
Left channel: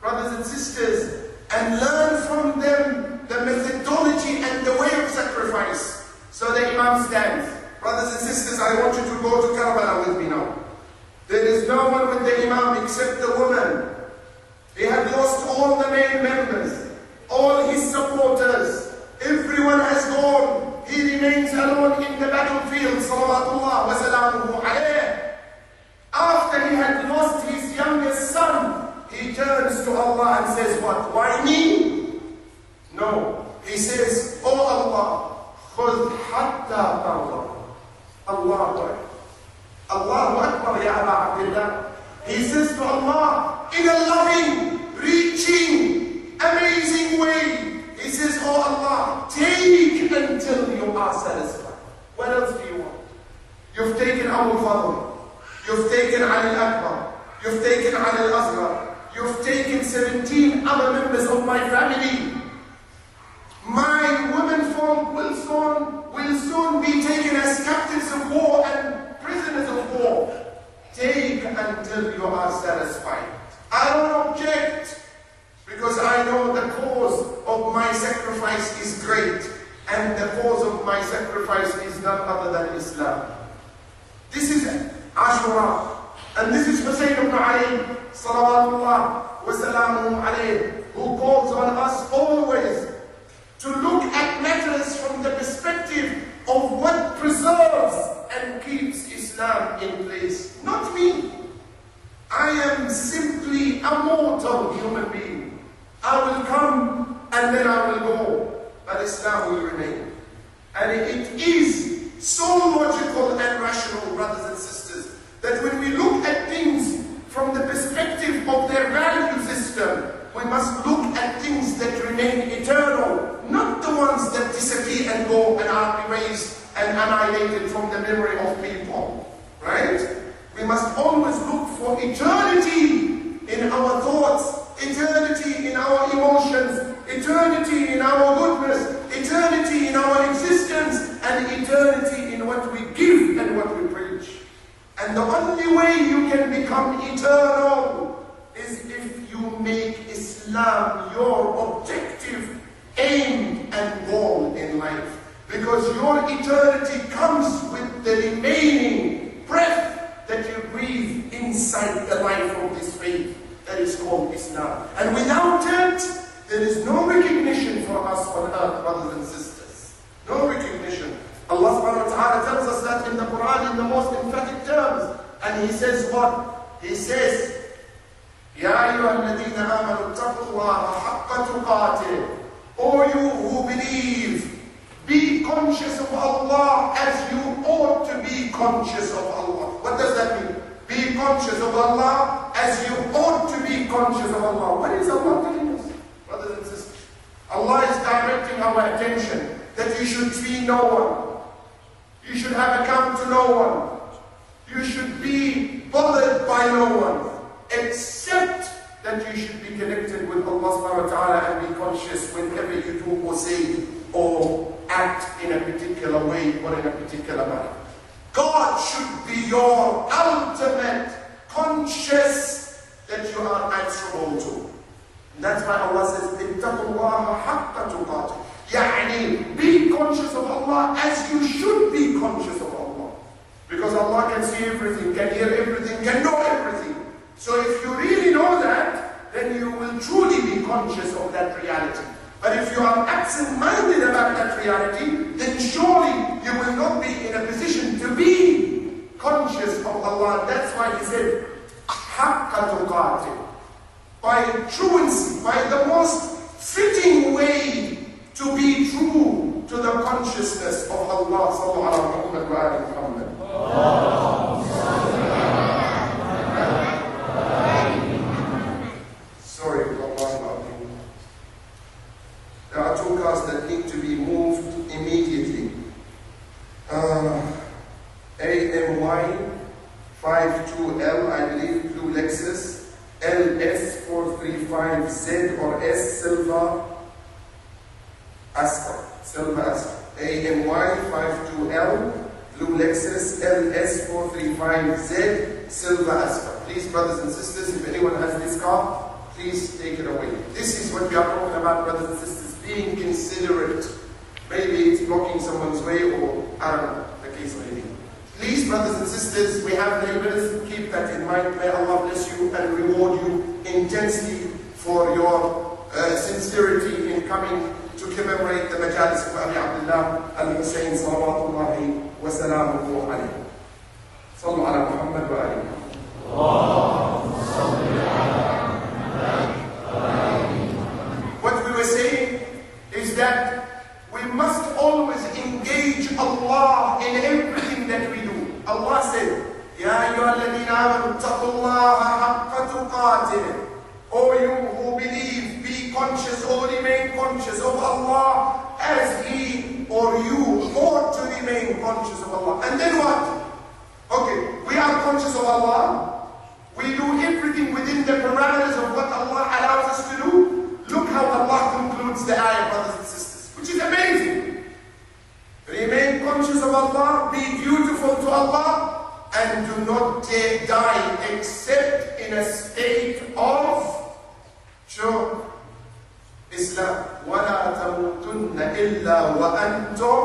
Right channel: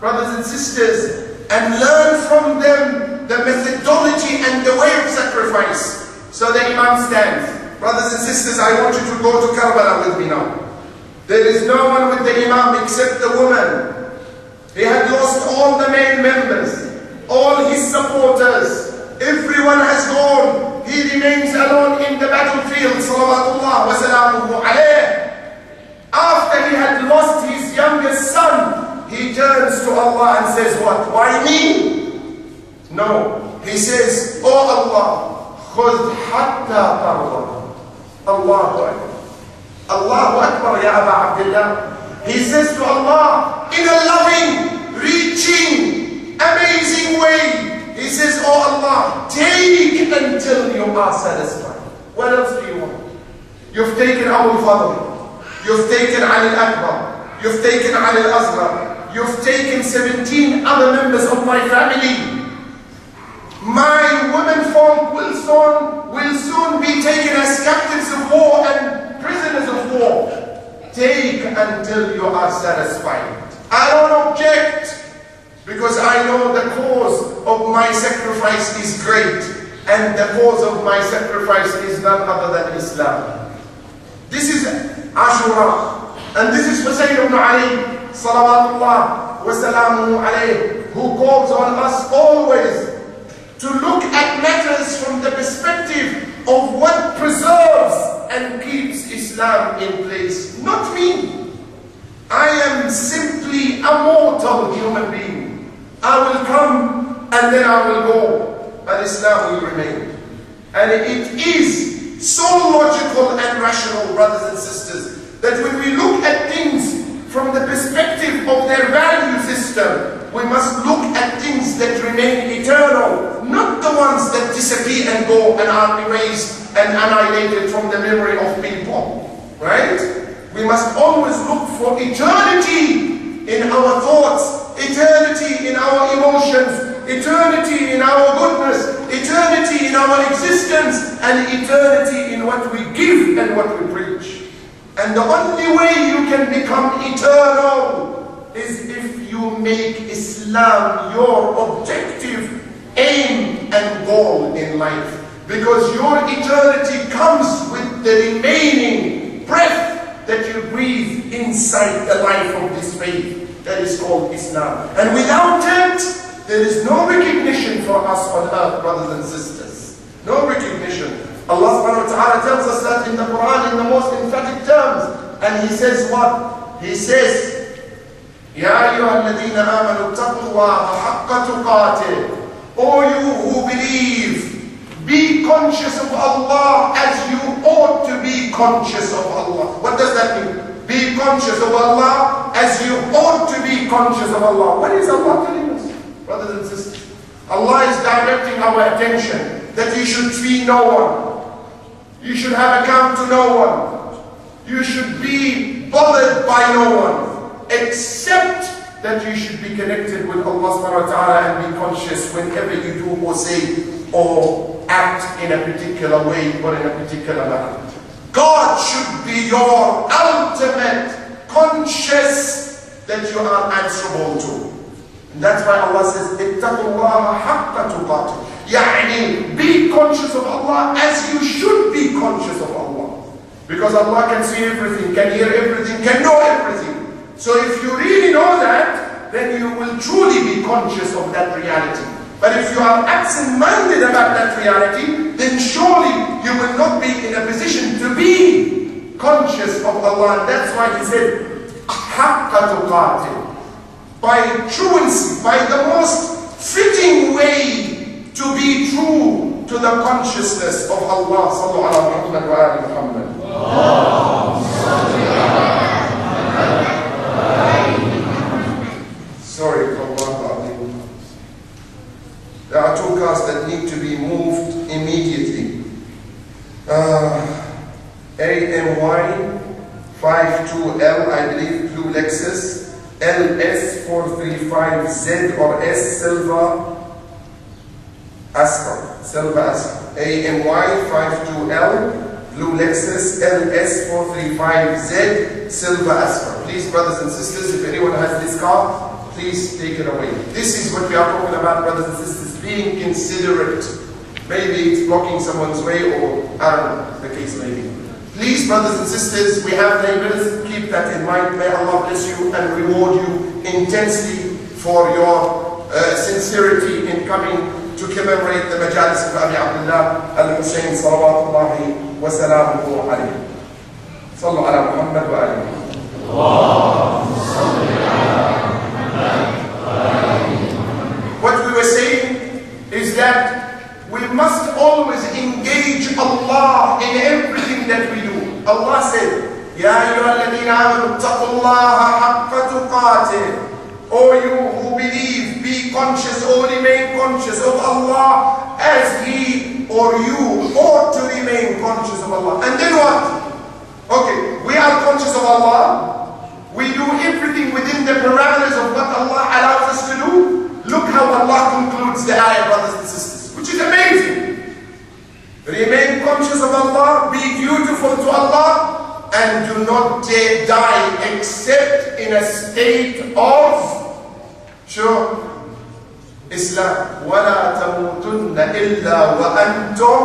brothers and sisters, and learn from them the methodology and the way of sacrifice. So the imam stands. Brothers and sisters, I want you to go to Karbala with me now. There is no one with the imam except the woman. He had lost all the male members, all his supporters. Everyone has gone. He remains alone in the battlefield. Salawatullah wa salamuhu alayh. After he had lost his youngest son, he turns to Allah and says what? Why me? No. He says, Oh Allah, khudh hatta tarda. Allahu Akbar. Allahu Akbar, Ya Aba Abdullah. He says to Allah, in a loving, reaching, amazing way, he says, Oh Allah, take until you are satisfied. What else do you want? You've taken Abu Fadl. You've taken Ali al-Akbar. You've taken Ali al-Asghar. You've taken 17 other members of my family. My women folk will soon be taken as captives of war and prisoners of war. Take until you are satisfied. I don't object, because I know the cause of my sacrifice is great, and the cause of my sacrifice is none other than Islam. This is Ashura, and this is Hussein ibn Ali, salawatullah wa salamuhu alayh, who calls on us always to look at matters from the perspective of what preserves and keeps Islam in place. Not me. I am simply a mortal human being. I will come and then I will go, but Islam will remain. And it is so logical and rational, brothers and sisters, that when we look at things from the perspective of their value system, we must look at things that remain eternal, not the ones that disappear and go and are erased and annihilated from the memory of people, right? We must always look for eternity in our thoughts, eternity in our emotions, eternity in our goodness, eternity in our existence, and eternity in what we give and what we preach. And the only way you can become eternal is if you make Islam your objective, aim, and goal in life. Because your eternity comes with the remaining breath that you breathe inside the life of this faith that is called Islam. And without it, there is no recognition for us on earth, brothers and sisters. No recognition. Allah subhanahu wa ta'ala tells us that in the Quran in the most emphatic terms. And He says what? He says, Ya ayyuhalladhina amanu taqullaha haqqa tuqatih. O you who believe, be conscious of Allah as you ought to be conscious of Allah. What does that mean? Be conscious of Allah as you ought to be conscious of Allah. What is Allah telling us, brothers and sisters? Allah is directing our attention that you should fee no one. You should have account to no one. You should be bothered by no one, except that you should be connected with Allah subhanahu wa ta'ala and be conscious whenever you do or say or act in a particular way or in a particular manner. God should be your ultimate conscious that you are answerable to. And that's why Allah says, ittaqullaha haqqa tuqatih. Yani, be conscious of Allah as you should be conscious of Allah. Because Allah can see everything, can hear everything, can know everything. So if you really know that, then you will truly be conscious of that reality. But if you are absent-minded about that reality, then surely you will not be in a position to be conscious of Allah. And that's why He said, haqqa tuqatih. By truancy, by the most fitting way to be true to the consciousness of Allah. Sallu ala Muhammad wa ali Muhammad. Sorry, there are two cars that need to be moved immediately. AMY 52L, I believe, blue Lexus. LS435Z or S Silver Astra. AMY 52L, blue Lexus, LS435Z, Silver Astra. Please, brothers and sisters, if anyone has this car, please take it away. This is what we are talking about, brothers and sisters, being considerate. Maybe it's blocking someone's way, or I don't know, the case may be. Please, brothers and sisters, we have neighbors, keep that in mind. May Allah bless you and reward you intensely for your sincerity in coming to commemorate the Majalis of Abi Abdullah al-Hussein salawatullahi wa salamuhu alayhi. Sallu ala Muhammad wa ali Muhammad. What we were saying is that we must always engage Allah in everything that we do. Allah said, Ya ayyuhalladhina amanu taqullaha haqqa tuqatih. O you who believe, be conscious or remain conscious of Allah as He or you ought to remain conscious of Allah. And then what? Okay, we are conscious of Allah. We do everything within the parameters of what Allah allows us to do. Look how Allah concludes the ayah, brothers and sisters, which is amazing. Remain conscious of Allah, be dutiful to Allah, and do not die except in a state of Islam. وَلَا تَمُوتُنَّ إِلَّا وَأَنْتُمْ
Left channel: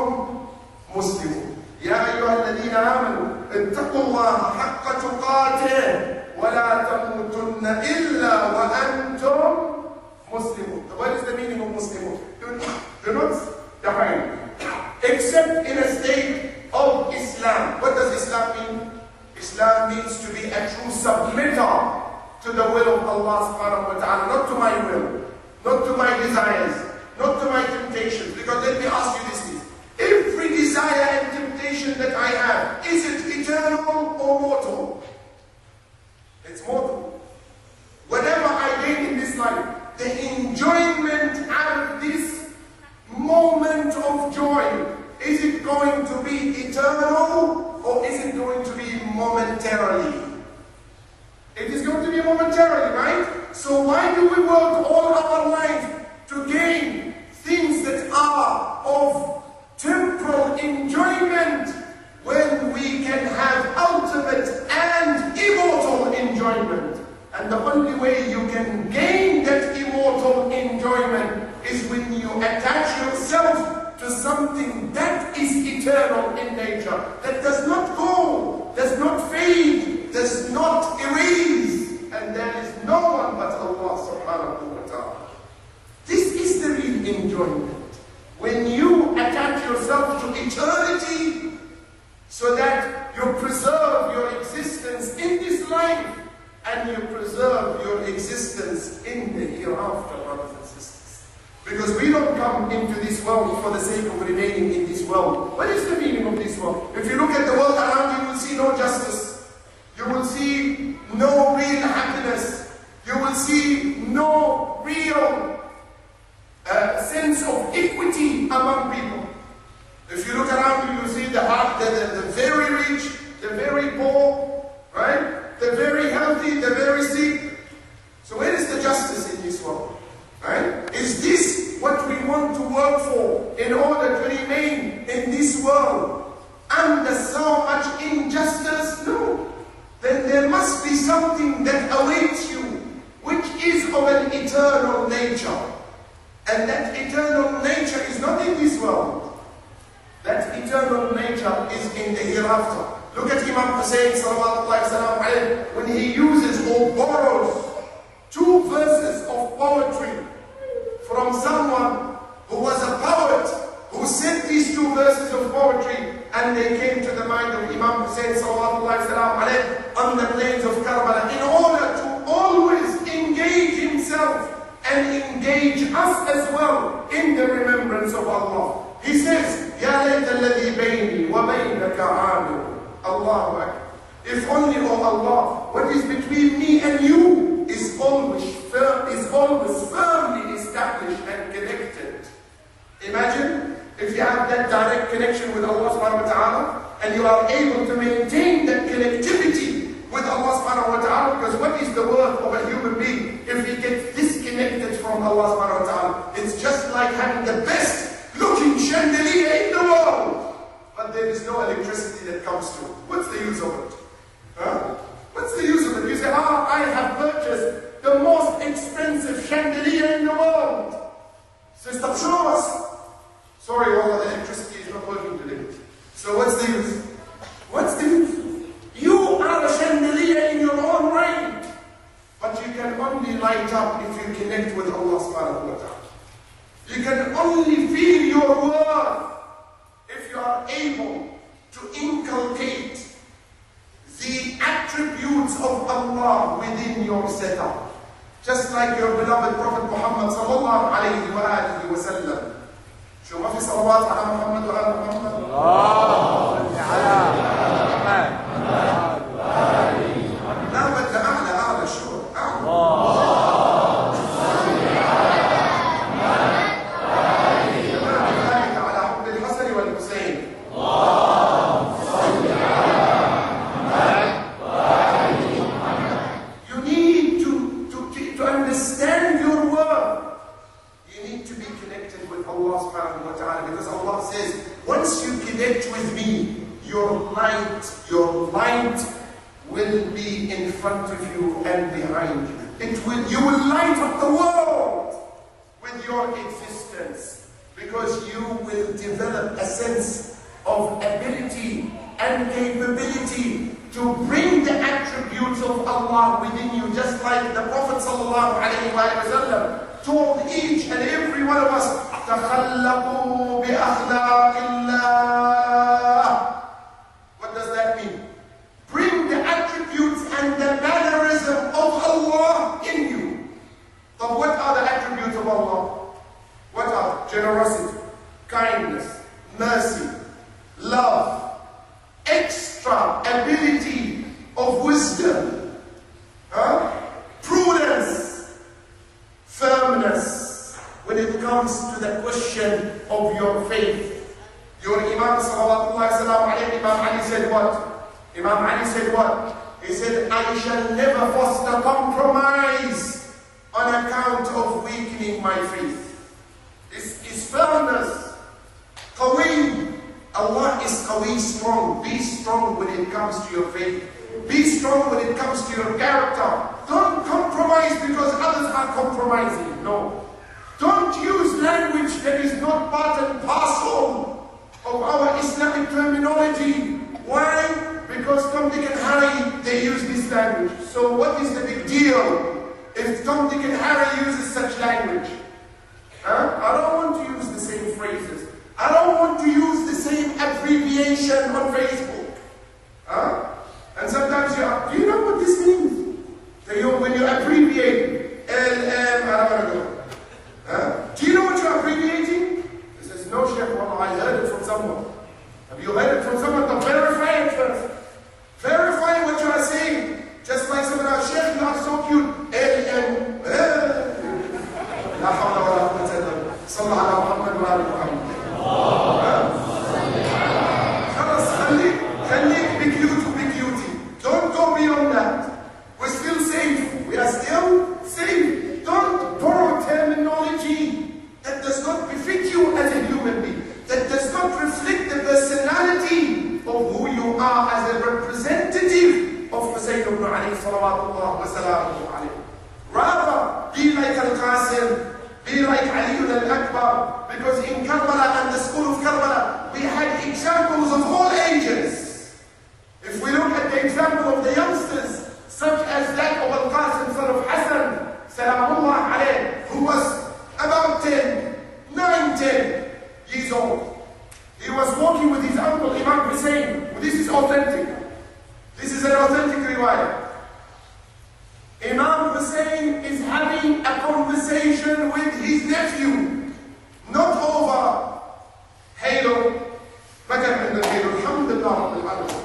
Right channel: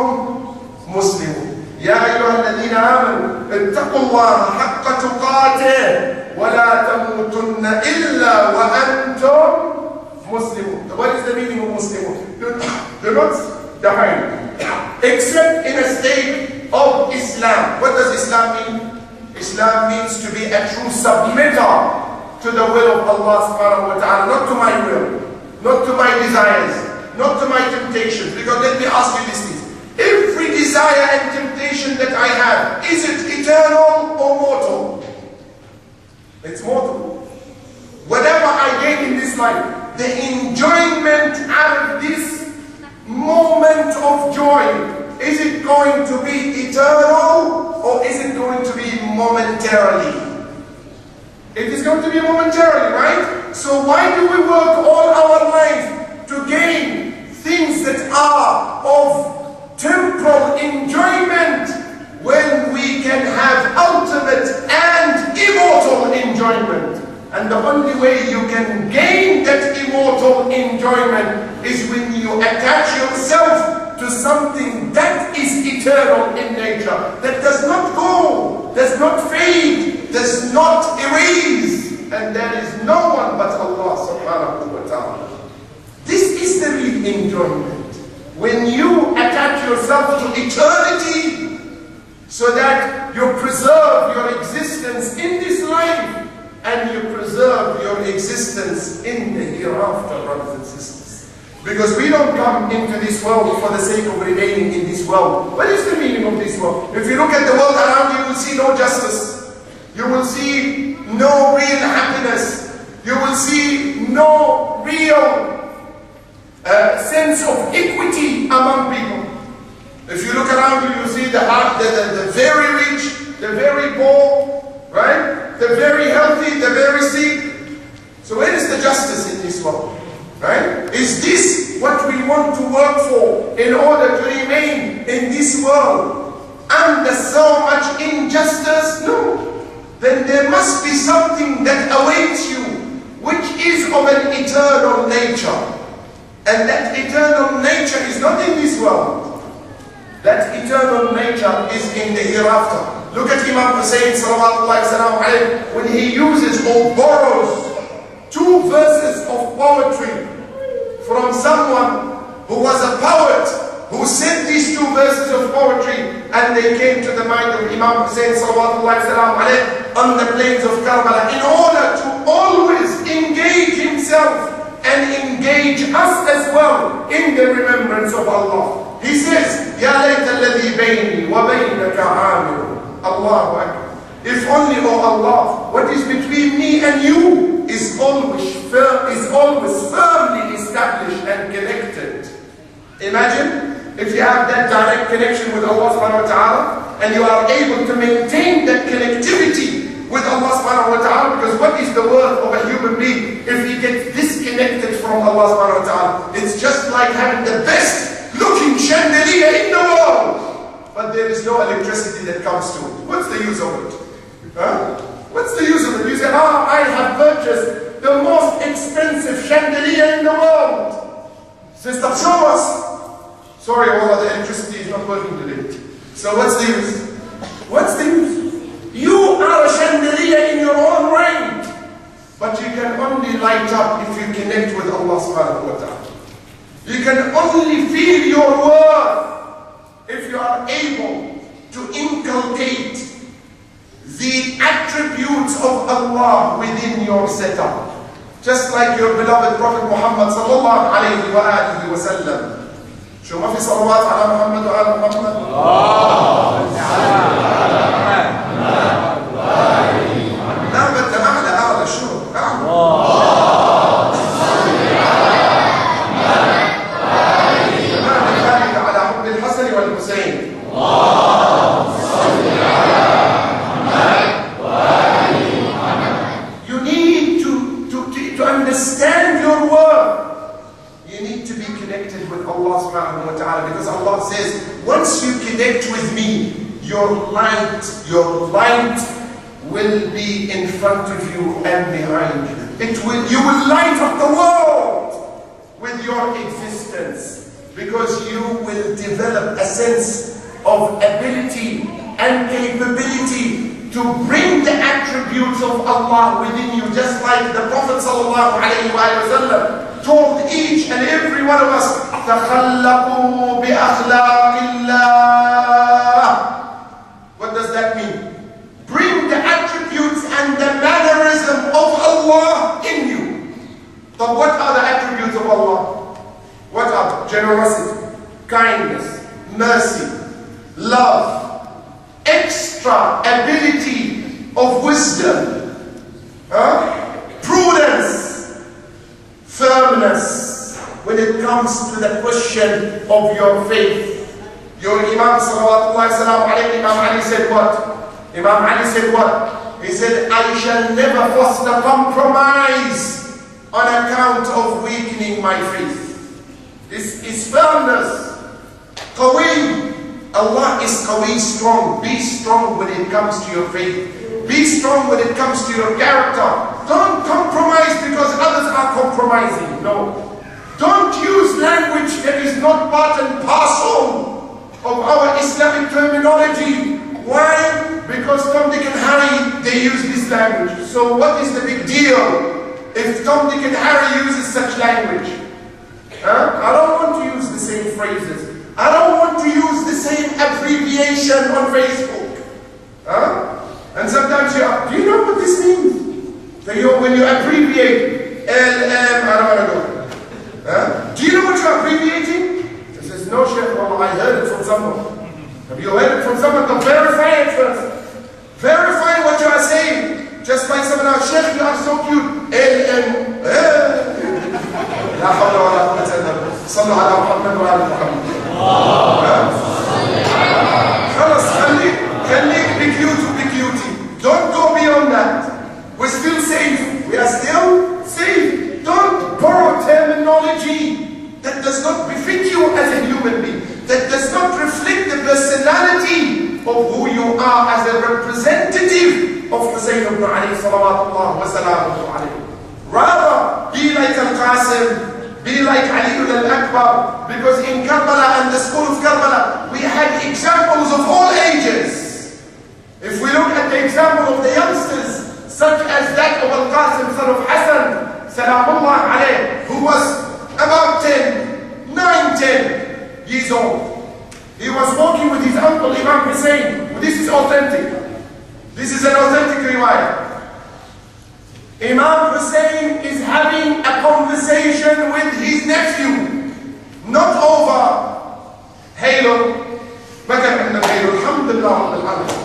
مُسْلِمُونَ. يَا أَيُّهَا الَّذِينَ آمَنُوا اتَّقُوا اللَّهَ حَقَّ تُقَاتِهِ وَلَا تَمُوتُنَّ إِلَّا وَأَنْتُمْ Muslimun. What is the meaning of Muslimun? Do not die except in a state of Islam. What does Islam mean? Islam means to be a true submitter to the will of Allah subhanahu wa ta'ala, not to my will, not to my desires, not to my temptations. Because let me ask you this thing. Every desire and temptation that I have, is it eternal or mortal? It's mortal. Whatever I gain in this life, the enjoyment out of this moment of joy, is it going to be eternal or is it going to be momentarily? It is going to be momentarily, right? So why do we work all our life to gain things that are of temporal enjoyment when we can have ultimate and immortal enjoyment? And the only way you can gain that immortal enjoyment is when you attach yourself to something that is eternal in nature, that does not go, does not fade, does not erase, and there is no one but Allah subhanahu wa ta'ala. This is the real enjoyment. When you attach yourself to eternity so that you preserve your existence in this life and you preserve your existence in the hereafter, brothers and sisters. Because we don't come into this world for the sake of remaining in this world. What is the meaning of this world? If you look at the world around you, you will see no justice. You will see no real happiness. You will see no real sense of equity among people. If you look around you, you see the very rich, the very poor, right? The very healthy, the very sick. So where is the justice in this world? Right? Is this what we want to work for in order to remain in this world under so much injustice? No. Then there must be something that awaits you, which is of an eternal nature. And that eternal nature is not in this world. That eternal nature is in the hereafter. Look at Imam Hussein sallallahu alayhi wa sallam, when he uses or borrows 2 verses of poetry from someone who was a poet, who said these 2 verses of poetry, and they came to the mind of Imam Hussein sallallahu alayhi wa sallam on the plains of Karbala, in order to always engage himself and engage us as well in the remembrance of Allah. He says, Ya layta alladhi bayni wa baynaka aamiru. Allahu Akbar. If only, oh Allah, what is between me and you is always firmly established and connected. Imagine if you have that direct connection with Allah subhanahu wa ta'ala, and you are able to maintain that connectivity with Allah subhanahu wa ta'ala, because what is the worth of a human being if he gets disconnected from Allah subhanahu wa ta'ala? It's just like having the best looking chandelier in the world, but there is no electricity that comes to it. What's the use of it? Huh? What's the use of it? You say, I have purchased the most expensive chandelier in the world. Sister, show us. Sorry, Allah, the electricity is not working today. So what's the use? What's the use? You are a chandelier in your own right, but you can only light up if you connect with Allah subhanahu wa ta'ala. You can only feel your worth if you are able to inculcate the attributes of Allah within your setup. Just like your beloved Prophet Muhammad sallallahu alayhi wa alihi wa sallam. شو ما في صلوات على محمد وآل محمد؟ لا بدنا أعلى شو؟ على حب الحسن والحسين. You need to understand your worth. You need to be connected with Allah subhanahu wa ta'ala, because Allah says, once you connect with me, your light will be in front of you and behind you. You will light up the world with your existence, because you will develop a sense of ability and capability to bring the attributes of Allah within you, just like the Prophet sallallahu alayhi wa sallam told each and every one of us, تَخَلَّقُوا بِأَخْلَاقِ اللَّهِ. What does that mean? generosity, kindness, mercy, love, extra ability of wisdom, prudence, firmness when it comes to the question of your faith. Your Imam salawatullahi salam alayhi, Imam Ali said what? Imam Ali said what? He said, I shall never foster compromise on account of weakening my faith. This is firmness. Qawi. Allah is qawi, strong. Be strong when it comes to your faith. Be strong when it comes to your character. Don't compromise because others are compromising. No. Don't use language that is not part and parcel of our Islamic terminology. Why? Because Tom, Dick and Harry, they use this language. So what is the big deal if Tom, Dick and Harry uses such language? I don't want to use the same phrases. I don't want to use the same abbreviation on Facebook. And sometimes do you know what this means? When you abbreviate LM, I don't want to go. Do you know what you're abbreviating? He says, no, Sheikh, well, I heard it from someone. Have you heard it from someone? Then verify it first. Verify what you are saying. Just like someone else, Sheikh, you are so cute. LM. لا حول ولا قوة إلا بالله. صلوا على محمد وعلى محمد. خلاص خليك be cutie. Don't go beyond that. We're still safe. We are still safe. Don't borrow terminology that does not befit you as a human being, that does not reflect the personality of who you are as a representative of Hussein ibn Ali salawatullah wa salamuhu alayhi. Rather, be like Al-Qasim, be like Ali al-Akbar, because in Karbala and the school of Karbala, we had examples of all ages. If we look at the example of the youngsters, such as that of Al-Qasim, son of Hassan, salamullah alayh, who was about 9, 10 years old. He was walking with his uncle, Imam Hussein. This is authentic. This is an authentic riwayah. Imam Hussein is having a conversation with his nephew, not over Halo. ما كان عندنا Halo, الحمد لله رب العالمين.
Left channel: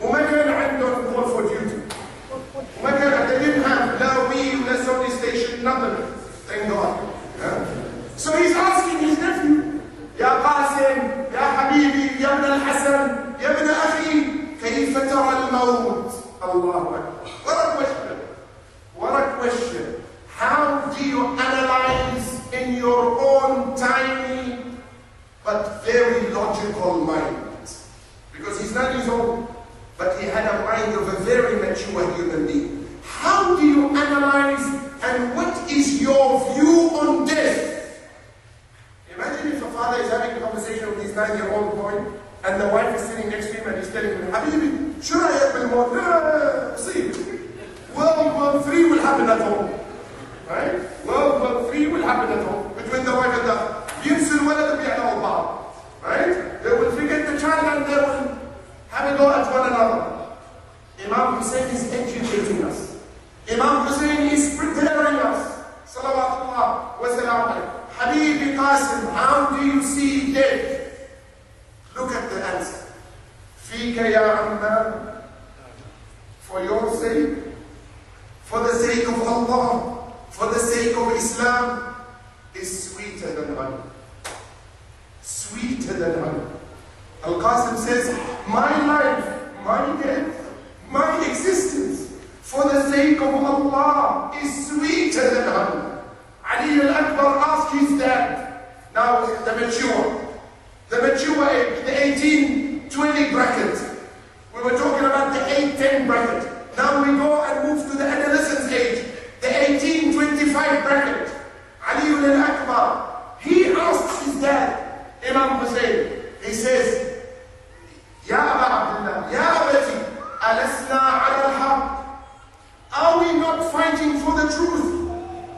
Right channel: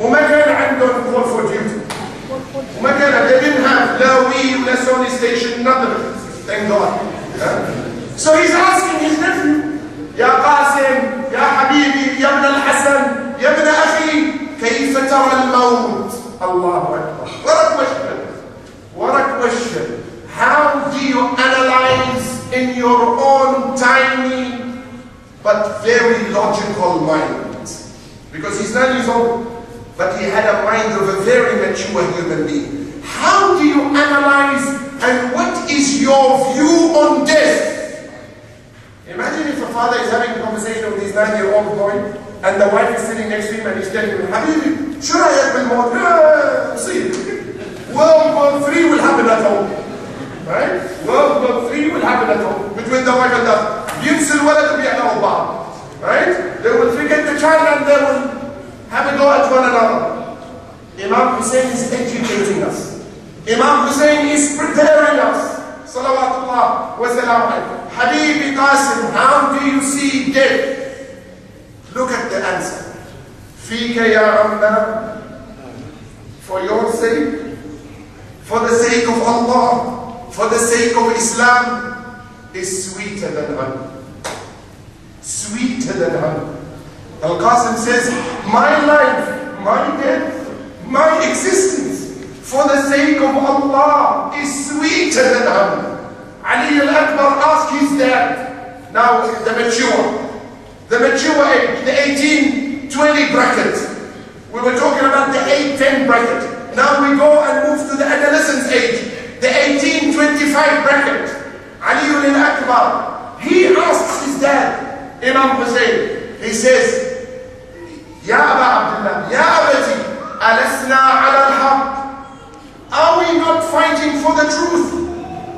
وما كان عندهم Call for Duty. وما كان, they didn't have la Wii, la Sony station, nothing. Thank God. So he's asking his nephew, يا قاسم, يا حبيبي, يا ابن الحسن, يا ابن أخي, كيف ترى الموت? الله أكبر. What a question. How do you analyze in your own tiny but very logical mind? Because he's 9 years old, but he had a mind of a very mature human being. How do you analyze and what is your view on death? Imagine if a father is having a conversation with his 9-year-old boy and the wife is sitting next to him and he's telling him, Habibi, should I have been more? See, World War III will happen at home. Right? World War III will happen at home between the wife and the husband. Right? They will forget the child and they will have a go at one another. Imam Hussein is educating us. Imam Hussein is preparing us. Salawatullah wa salam alayhi. Habibi Qasim, how do you see death? Look at the answer. Fika ya Amma, for your sake, for the sake of Allah, for the sake of Islam, is sweeter than honey. Sweeter than honey. Al-Qasim says, my life, my death, my existence, for the sake of Allah, is sweeter than honey. Ali al-Akbar asked his dad, now the mature age, the 18-20 bracket. We were talking about the 8-10 bracket. Now we go and move to the adolescence age, the 18-25 bracket. Ali al-Akbar, he asks his dad, Imam Hussein, he says, Ya Aba Abdullah, Ya Abati, alasna ala al-haq. Are we not fighting for the truth?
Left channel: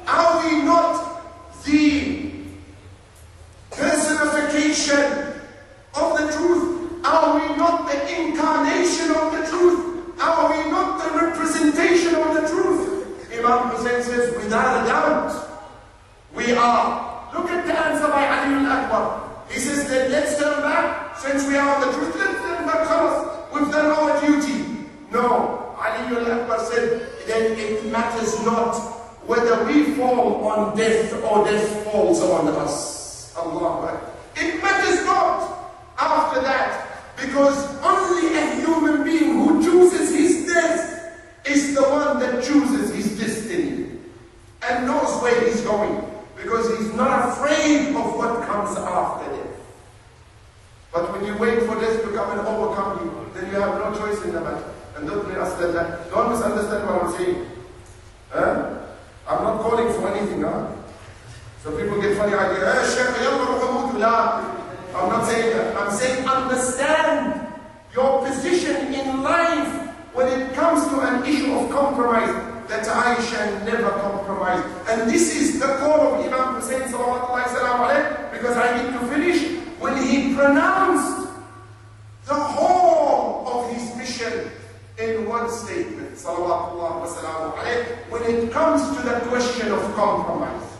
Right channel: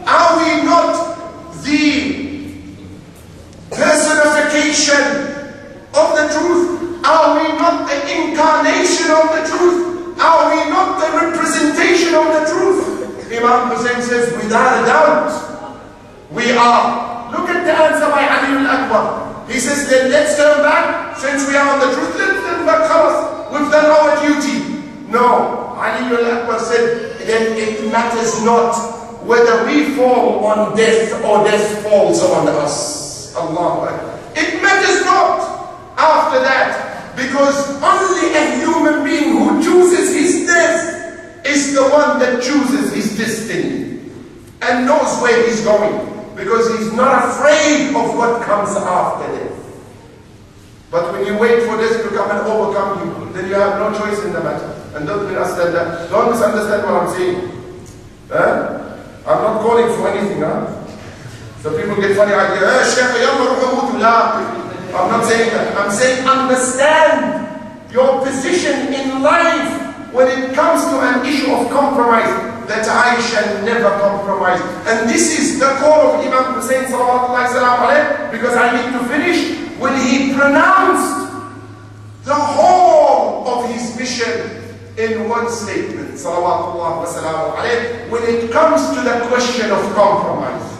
Are we not the personification of the truth? Are we not the incarnation of the truth? Are we not the representation of the truth? Imam Hussein says, without a doubt, we are. Look at the answer by Ali al-Akbar. He says, then let's turn back. Since we are on the truth, let's turn back. Khalas, we've done our duty. No, Ali al-Akbar said, then it matters not whether we fall on death or death falls on us. Allahu Akbar. It matters not after that, because only a human being who chooses his death is the one that chooses his destiny and knows where he's going, because he's not afraid of what comes after death. But when you wait for death to come and overcome you, then you have no choice in the matter. And don't misunderstand that. Don't misunderstand what I'm saying. I'm not calling for anything. So people get funny idea. I'm not saying that. I'm saying understand your position in life when it comes to an issue of compromise, that I shall never compromise. And this is the call of Imam Hussein sallallahu salam alayhi, because I need to finish, when he pronounced the whole of his mission in one statement, salawatullah wa salamu alayhi, when it comes to the question of compromise.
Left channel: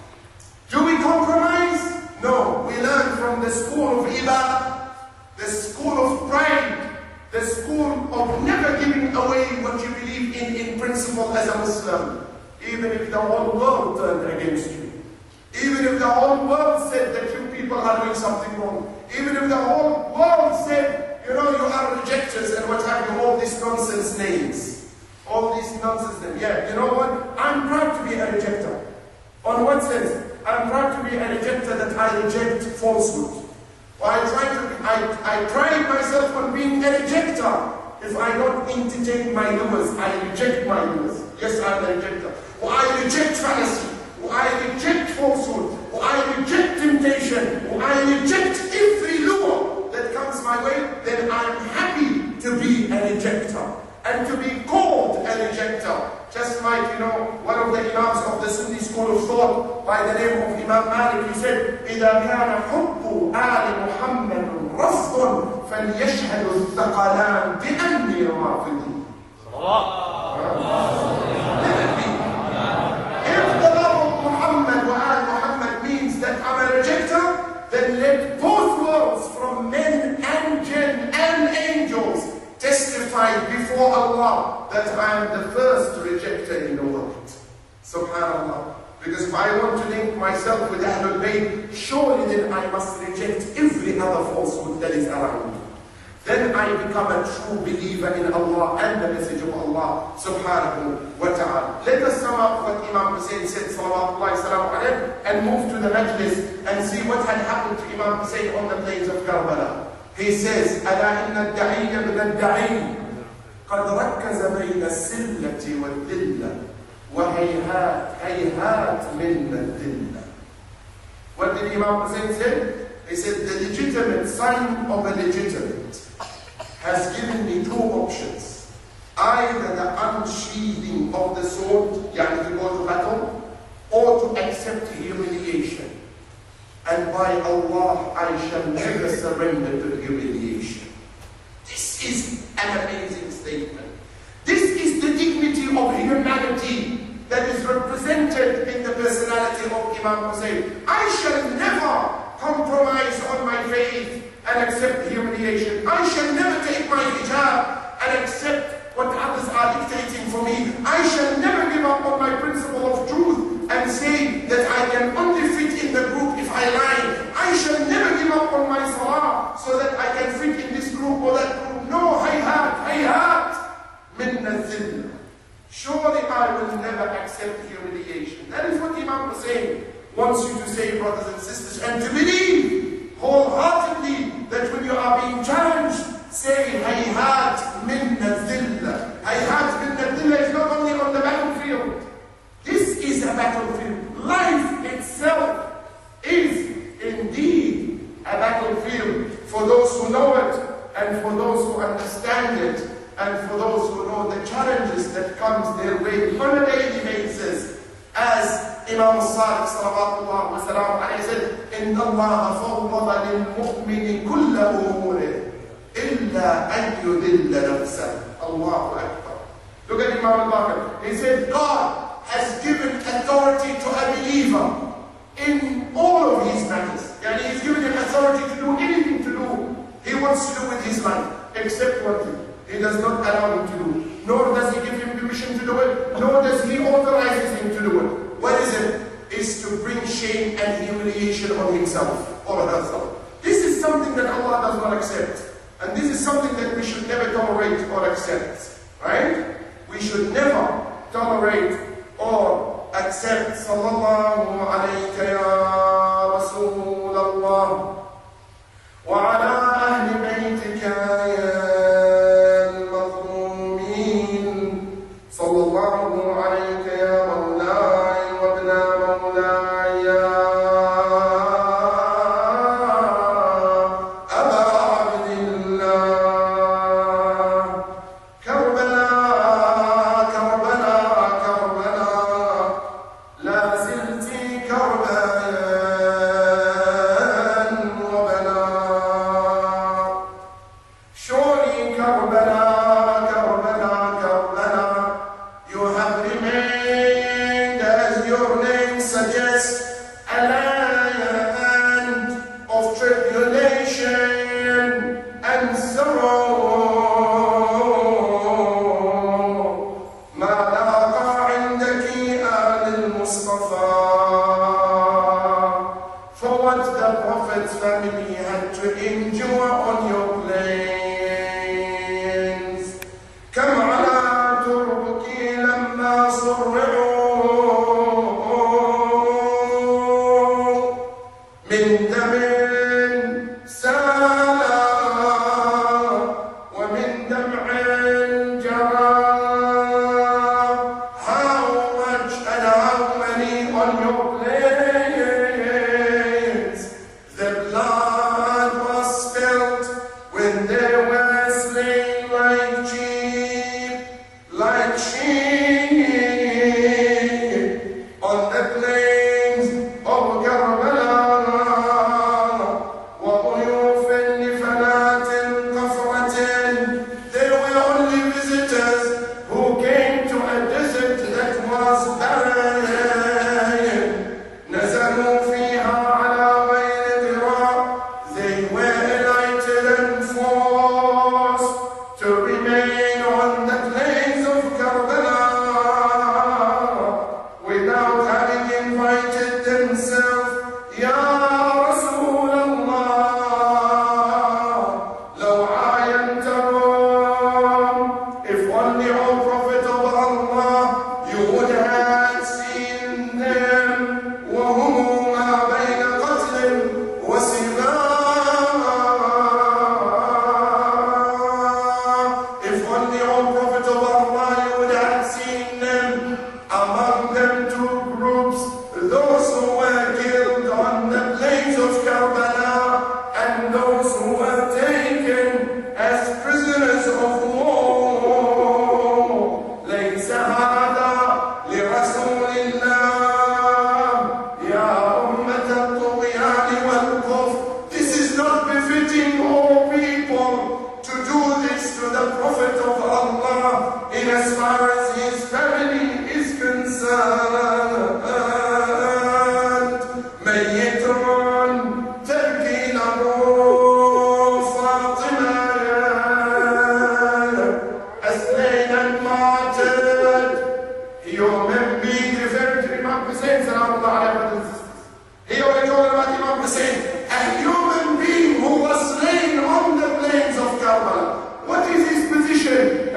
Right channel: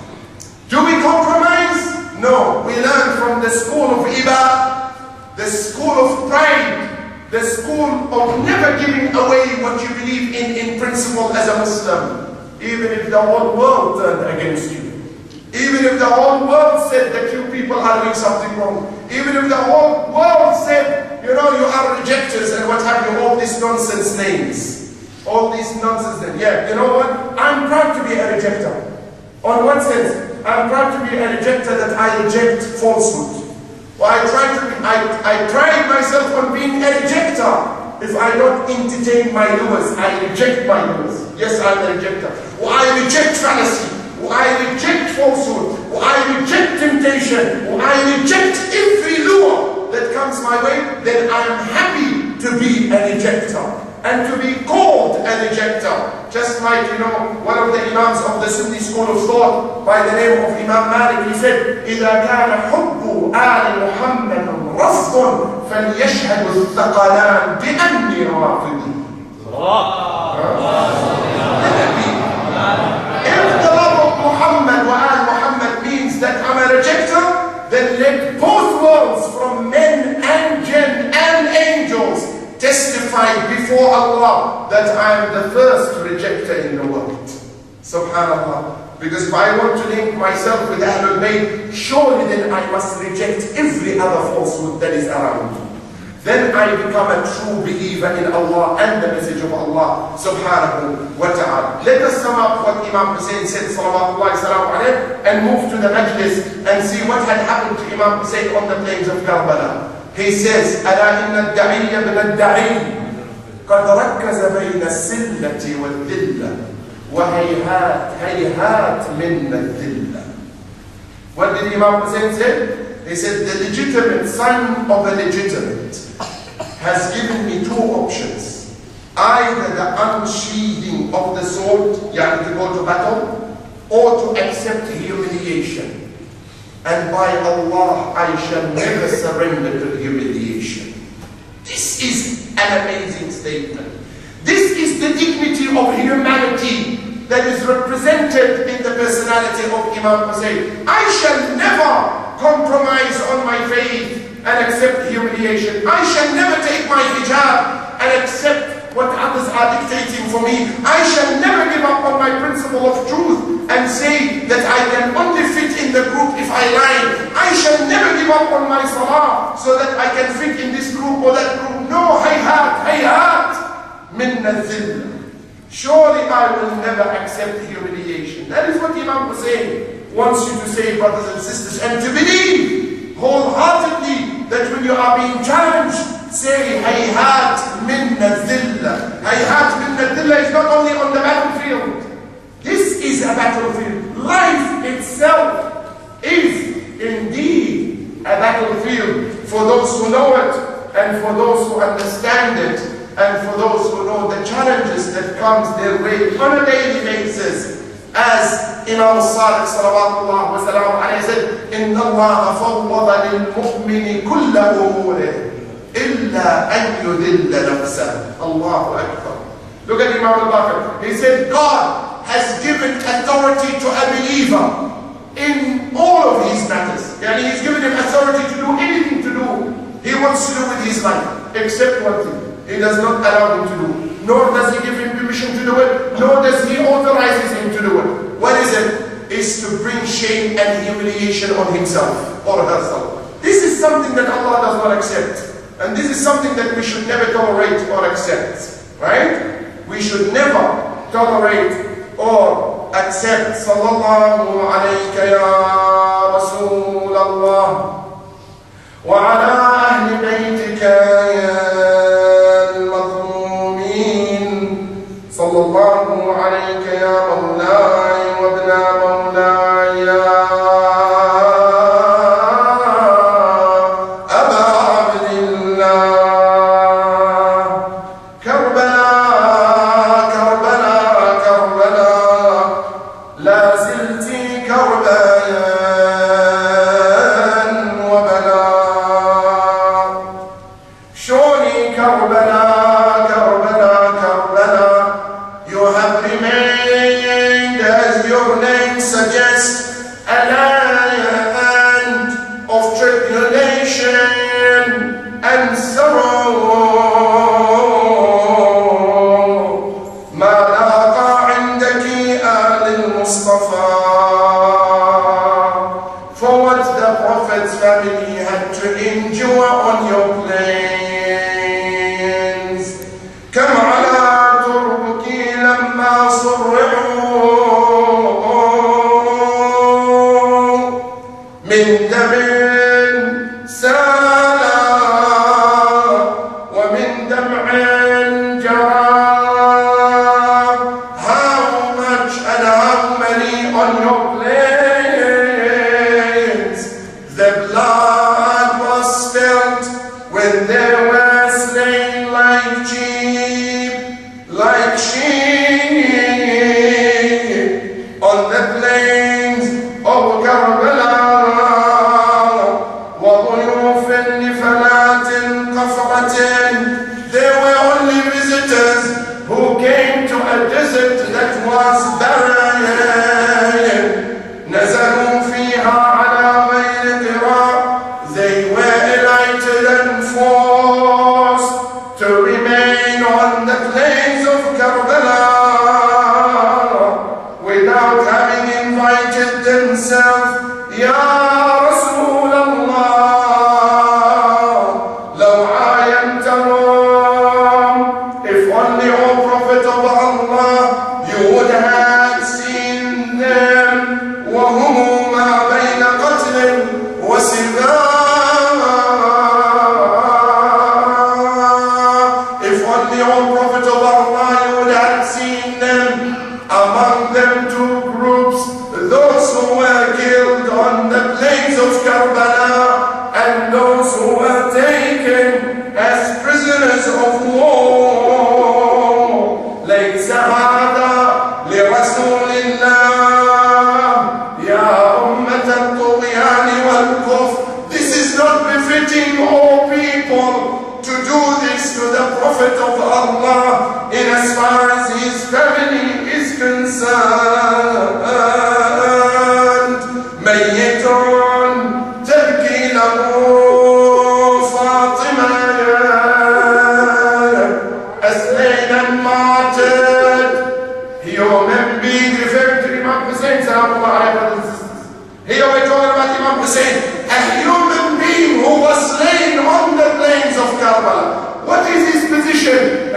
Do we compromise? No. We learn from the school of ibadah, the school of pride, the school of never giving away what you believe in principle as a Muslim, even if the whole world turned against you. Even if the whole world said that you people are doing something wrong. Even if the whole world said, you know, you are rejectors and what have you, all these nonsense names. All these nonsense names. Yeah, you know what? I'm proud to be a rejecter. On one sense, I'm proud to be a rejecter, that I reject falsehood. Well, I pride myself on being a rejecter. If I don't entertain my lures, I reject my lures. Yes, I'm a rejecter. Well, I reject fallacy. Well, I reject falsehood. Well, I reject temptation. Well, I reject every lure that comes my way. Then I am happy to be a rejecter and to be called a rejecter. Just like, you know, one of the Imams of the Sunni school of thought by the name of Imam Malik, he said, إِذَا كَانَ حُبُّ آلِ مُحَمَّدٌ رَفْضٌ فَلْيَشْهَدُ الثَّقَلَانِ بِأَنِّي رَافِضٍ. If the love of Muhammad wa Al Muhammad means that I'm a rejecter, then let both worlds, from men and jinn and angels, testify before Allah that I am the first rejecter in the world. Subhanallah. Because if I want to link myself with Ahlul Bayt, surely then I must reject every other falsehood that is around me. Then I become a true believer in Allah and the message of Allah subhanahu wa ta'ala. Let us sum up what Imam Hussein said salawatullahi salamu alayhi, and move to the Majlis and see what had happened to Imam Hussein on the plains of Karbala. He says, ألا إن الدعي ابن الدعي قد ركز بين السلة والذلة وهيهات هيهات من الذلة. What did Imam Hussein say? He said, the legitimate son of a legitimate has given me two options. Either the unsheathing of the sword, yani to go to battle, or to accept humiliation. And by Allah, I shall never surrender to humiliation. This is an amazing statement. This is the dignity of humanity that is represented in the personality of Imam Hussein. I shall never compromise on my faith and accept humiliation. I shall never take my hijab and accept what others are dictating for me. I shall never give up on my principle of truth and say that I can only fit in the group if I lie. I shall never give up on my salah so that I can fit in this group or that group. No, hayhat min al-dhillah. Surely I will never accept humiliation. That is what Imam Hussein wants you to say, brothers and sisters, and to believe wholeheartedly that when you are being challenged, say hayhat min al-dhillah. Hayhat min al-dhillah is not only on the battlefield. This is a battlefield. Life itself is indeed a battlefield for those who know it, and for those who understand it, and for those who know the challenges that comes their way on a daily basis. As Imam al-Sadiq salawatullah wa salam alayhi said, إِنَّ اللَّهَ فَوَّضَ لِلْمُؤْمِنِ كُلَّ أُمُورِهِ إِلَّا أَنْ يُذِلَّ نَفْسَهُ. Allahu Akbar. Look at Imam al-Baqir. He said, God has given authority to a believer in him all of his matters. Yani he's given him authority to do anything to do. He wants to do with his life, except one thing. He does not allow him to do. Nor does he give him permission to do it, nor does he authorizes him to do it. What is it? It's to bring shame and humiliation on himself or herself. This is something that Allah does not accept. And this is something that we should never tolerate or accept. Right? We should never tolerate or accept. Sallallahu alayka ya Rasul Allah. Wa ala ahli baytika ya al-mazlumin. Sallallahu alayka ya Mawlai wa ibna Mawlai ya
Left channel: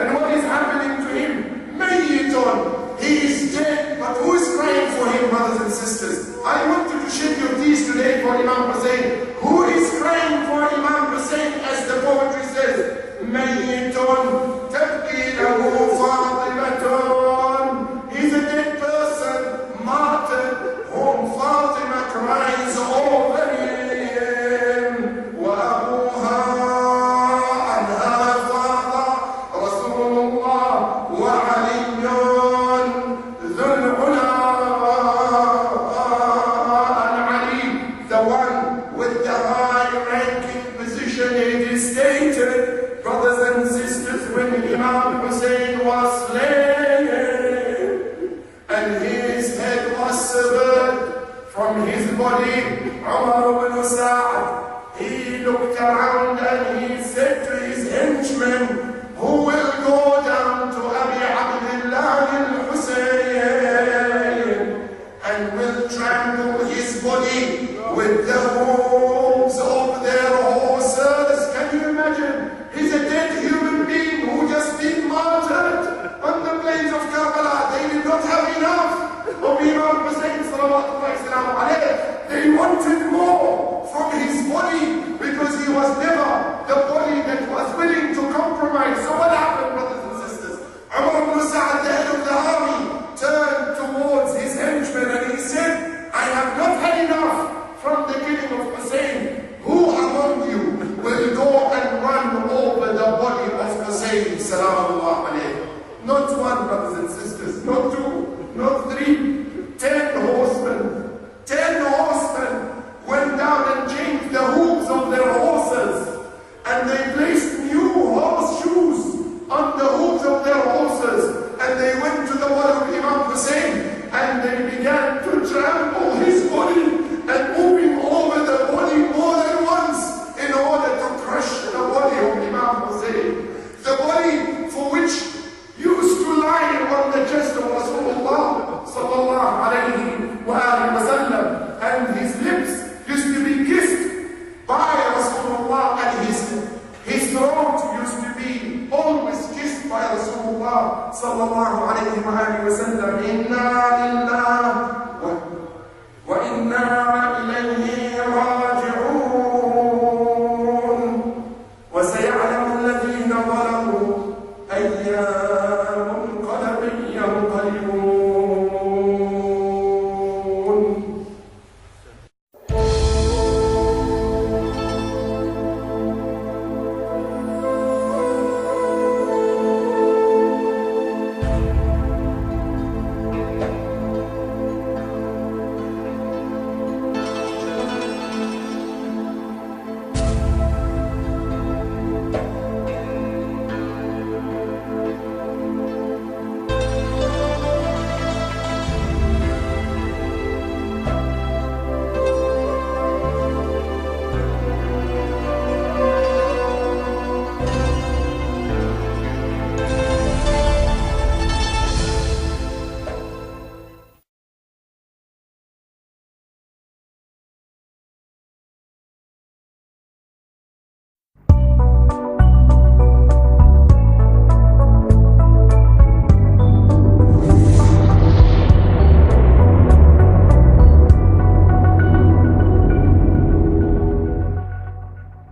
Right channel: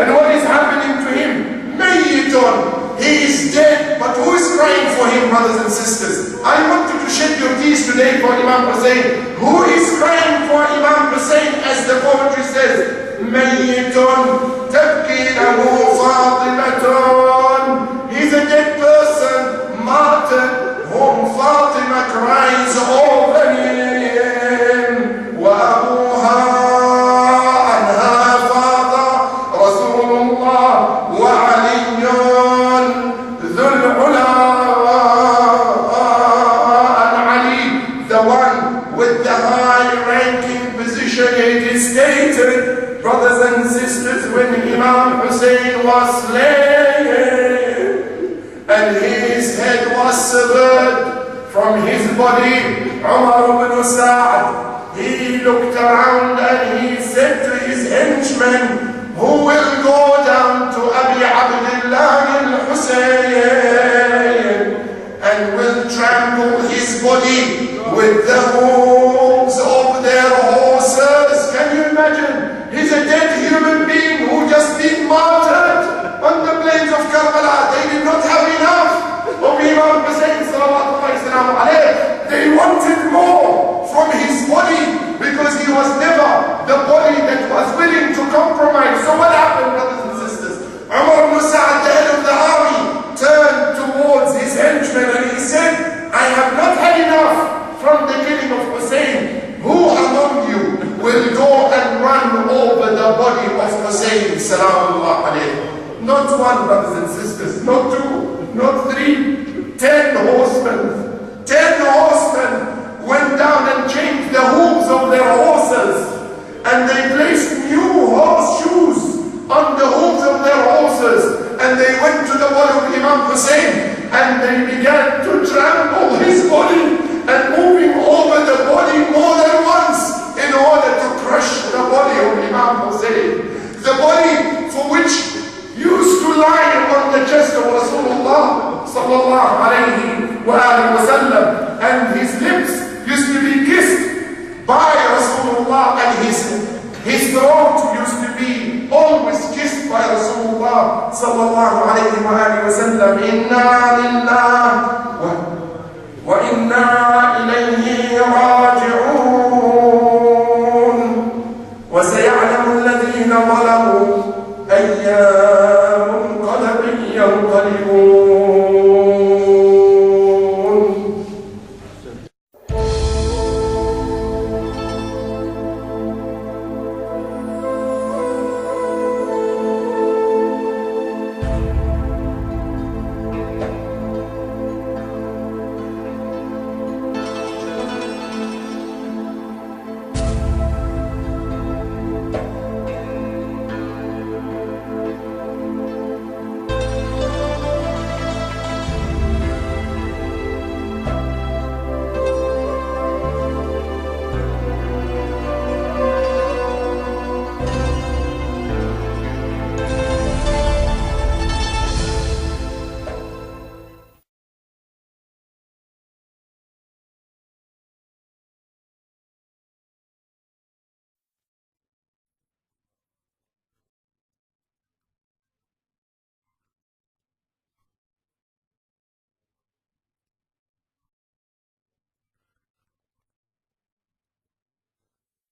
and what is happening to him? Mayyitun. He is dead, but who is crying for him, brothers and sisters? I want you to shed your tears today for Imam Hussein. Who is crying for Imam Hussein, as the poetry says? Mayyitun tabki lahu Fatimatun. He's a dead person, martyred, whom Fatima cries over him. Wa abuha. Brothers and sisters, when Imam Hussein was slain and his head was severed from his body. Umar ibn Sa'd, he looked around and he said to his henchmen, who will go down to Abi Abdullah al-Husayn and will trample his body with the hooves of their horses? Can you imagine? He's a dead human being who just been martyred on the plains of Karbala. They did not have enough of Imam Hussein sallallahu alayhi. They wanted more from his body because he was never the body that was willing to compromise. So what happened, brothers and sisters? Umar ibn Sa'd, the head of the army, turned towards his henchmen and he said, I have not had enough from the killing of Hussein. Who among you will go and run over the body of Hussein salamullah alayhi? Not one, brothers and sisters, not two, not three, 10 horsemen. 10 horsemen went down and changed the hooves of their horses, and they placed new horseshoes on the hooves of their horses, and they went to the body of Imam Hussein and they began to trample his body and move him over the body more than once in order to crush the body of Imam Hussein, the body for which used to lie on the chest of Rasulullah sallallahu alayhi wa sallam, and his lips used to be kissed by Rasulullah, and his throat used to be always kissed by Rasulullah sallallahu alayhi wa sallam. Inna lillahi wa inna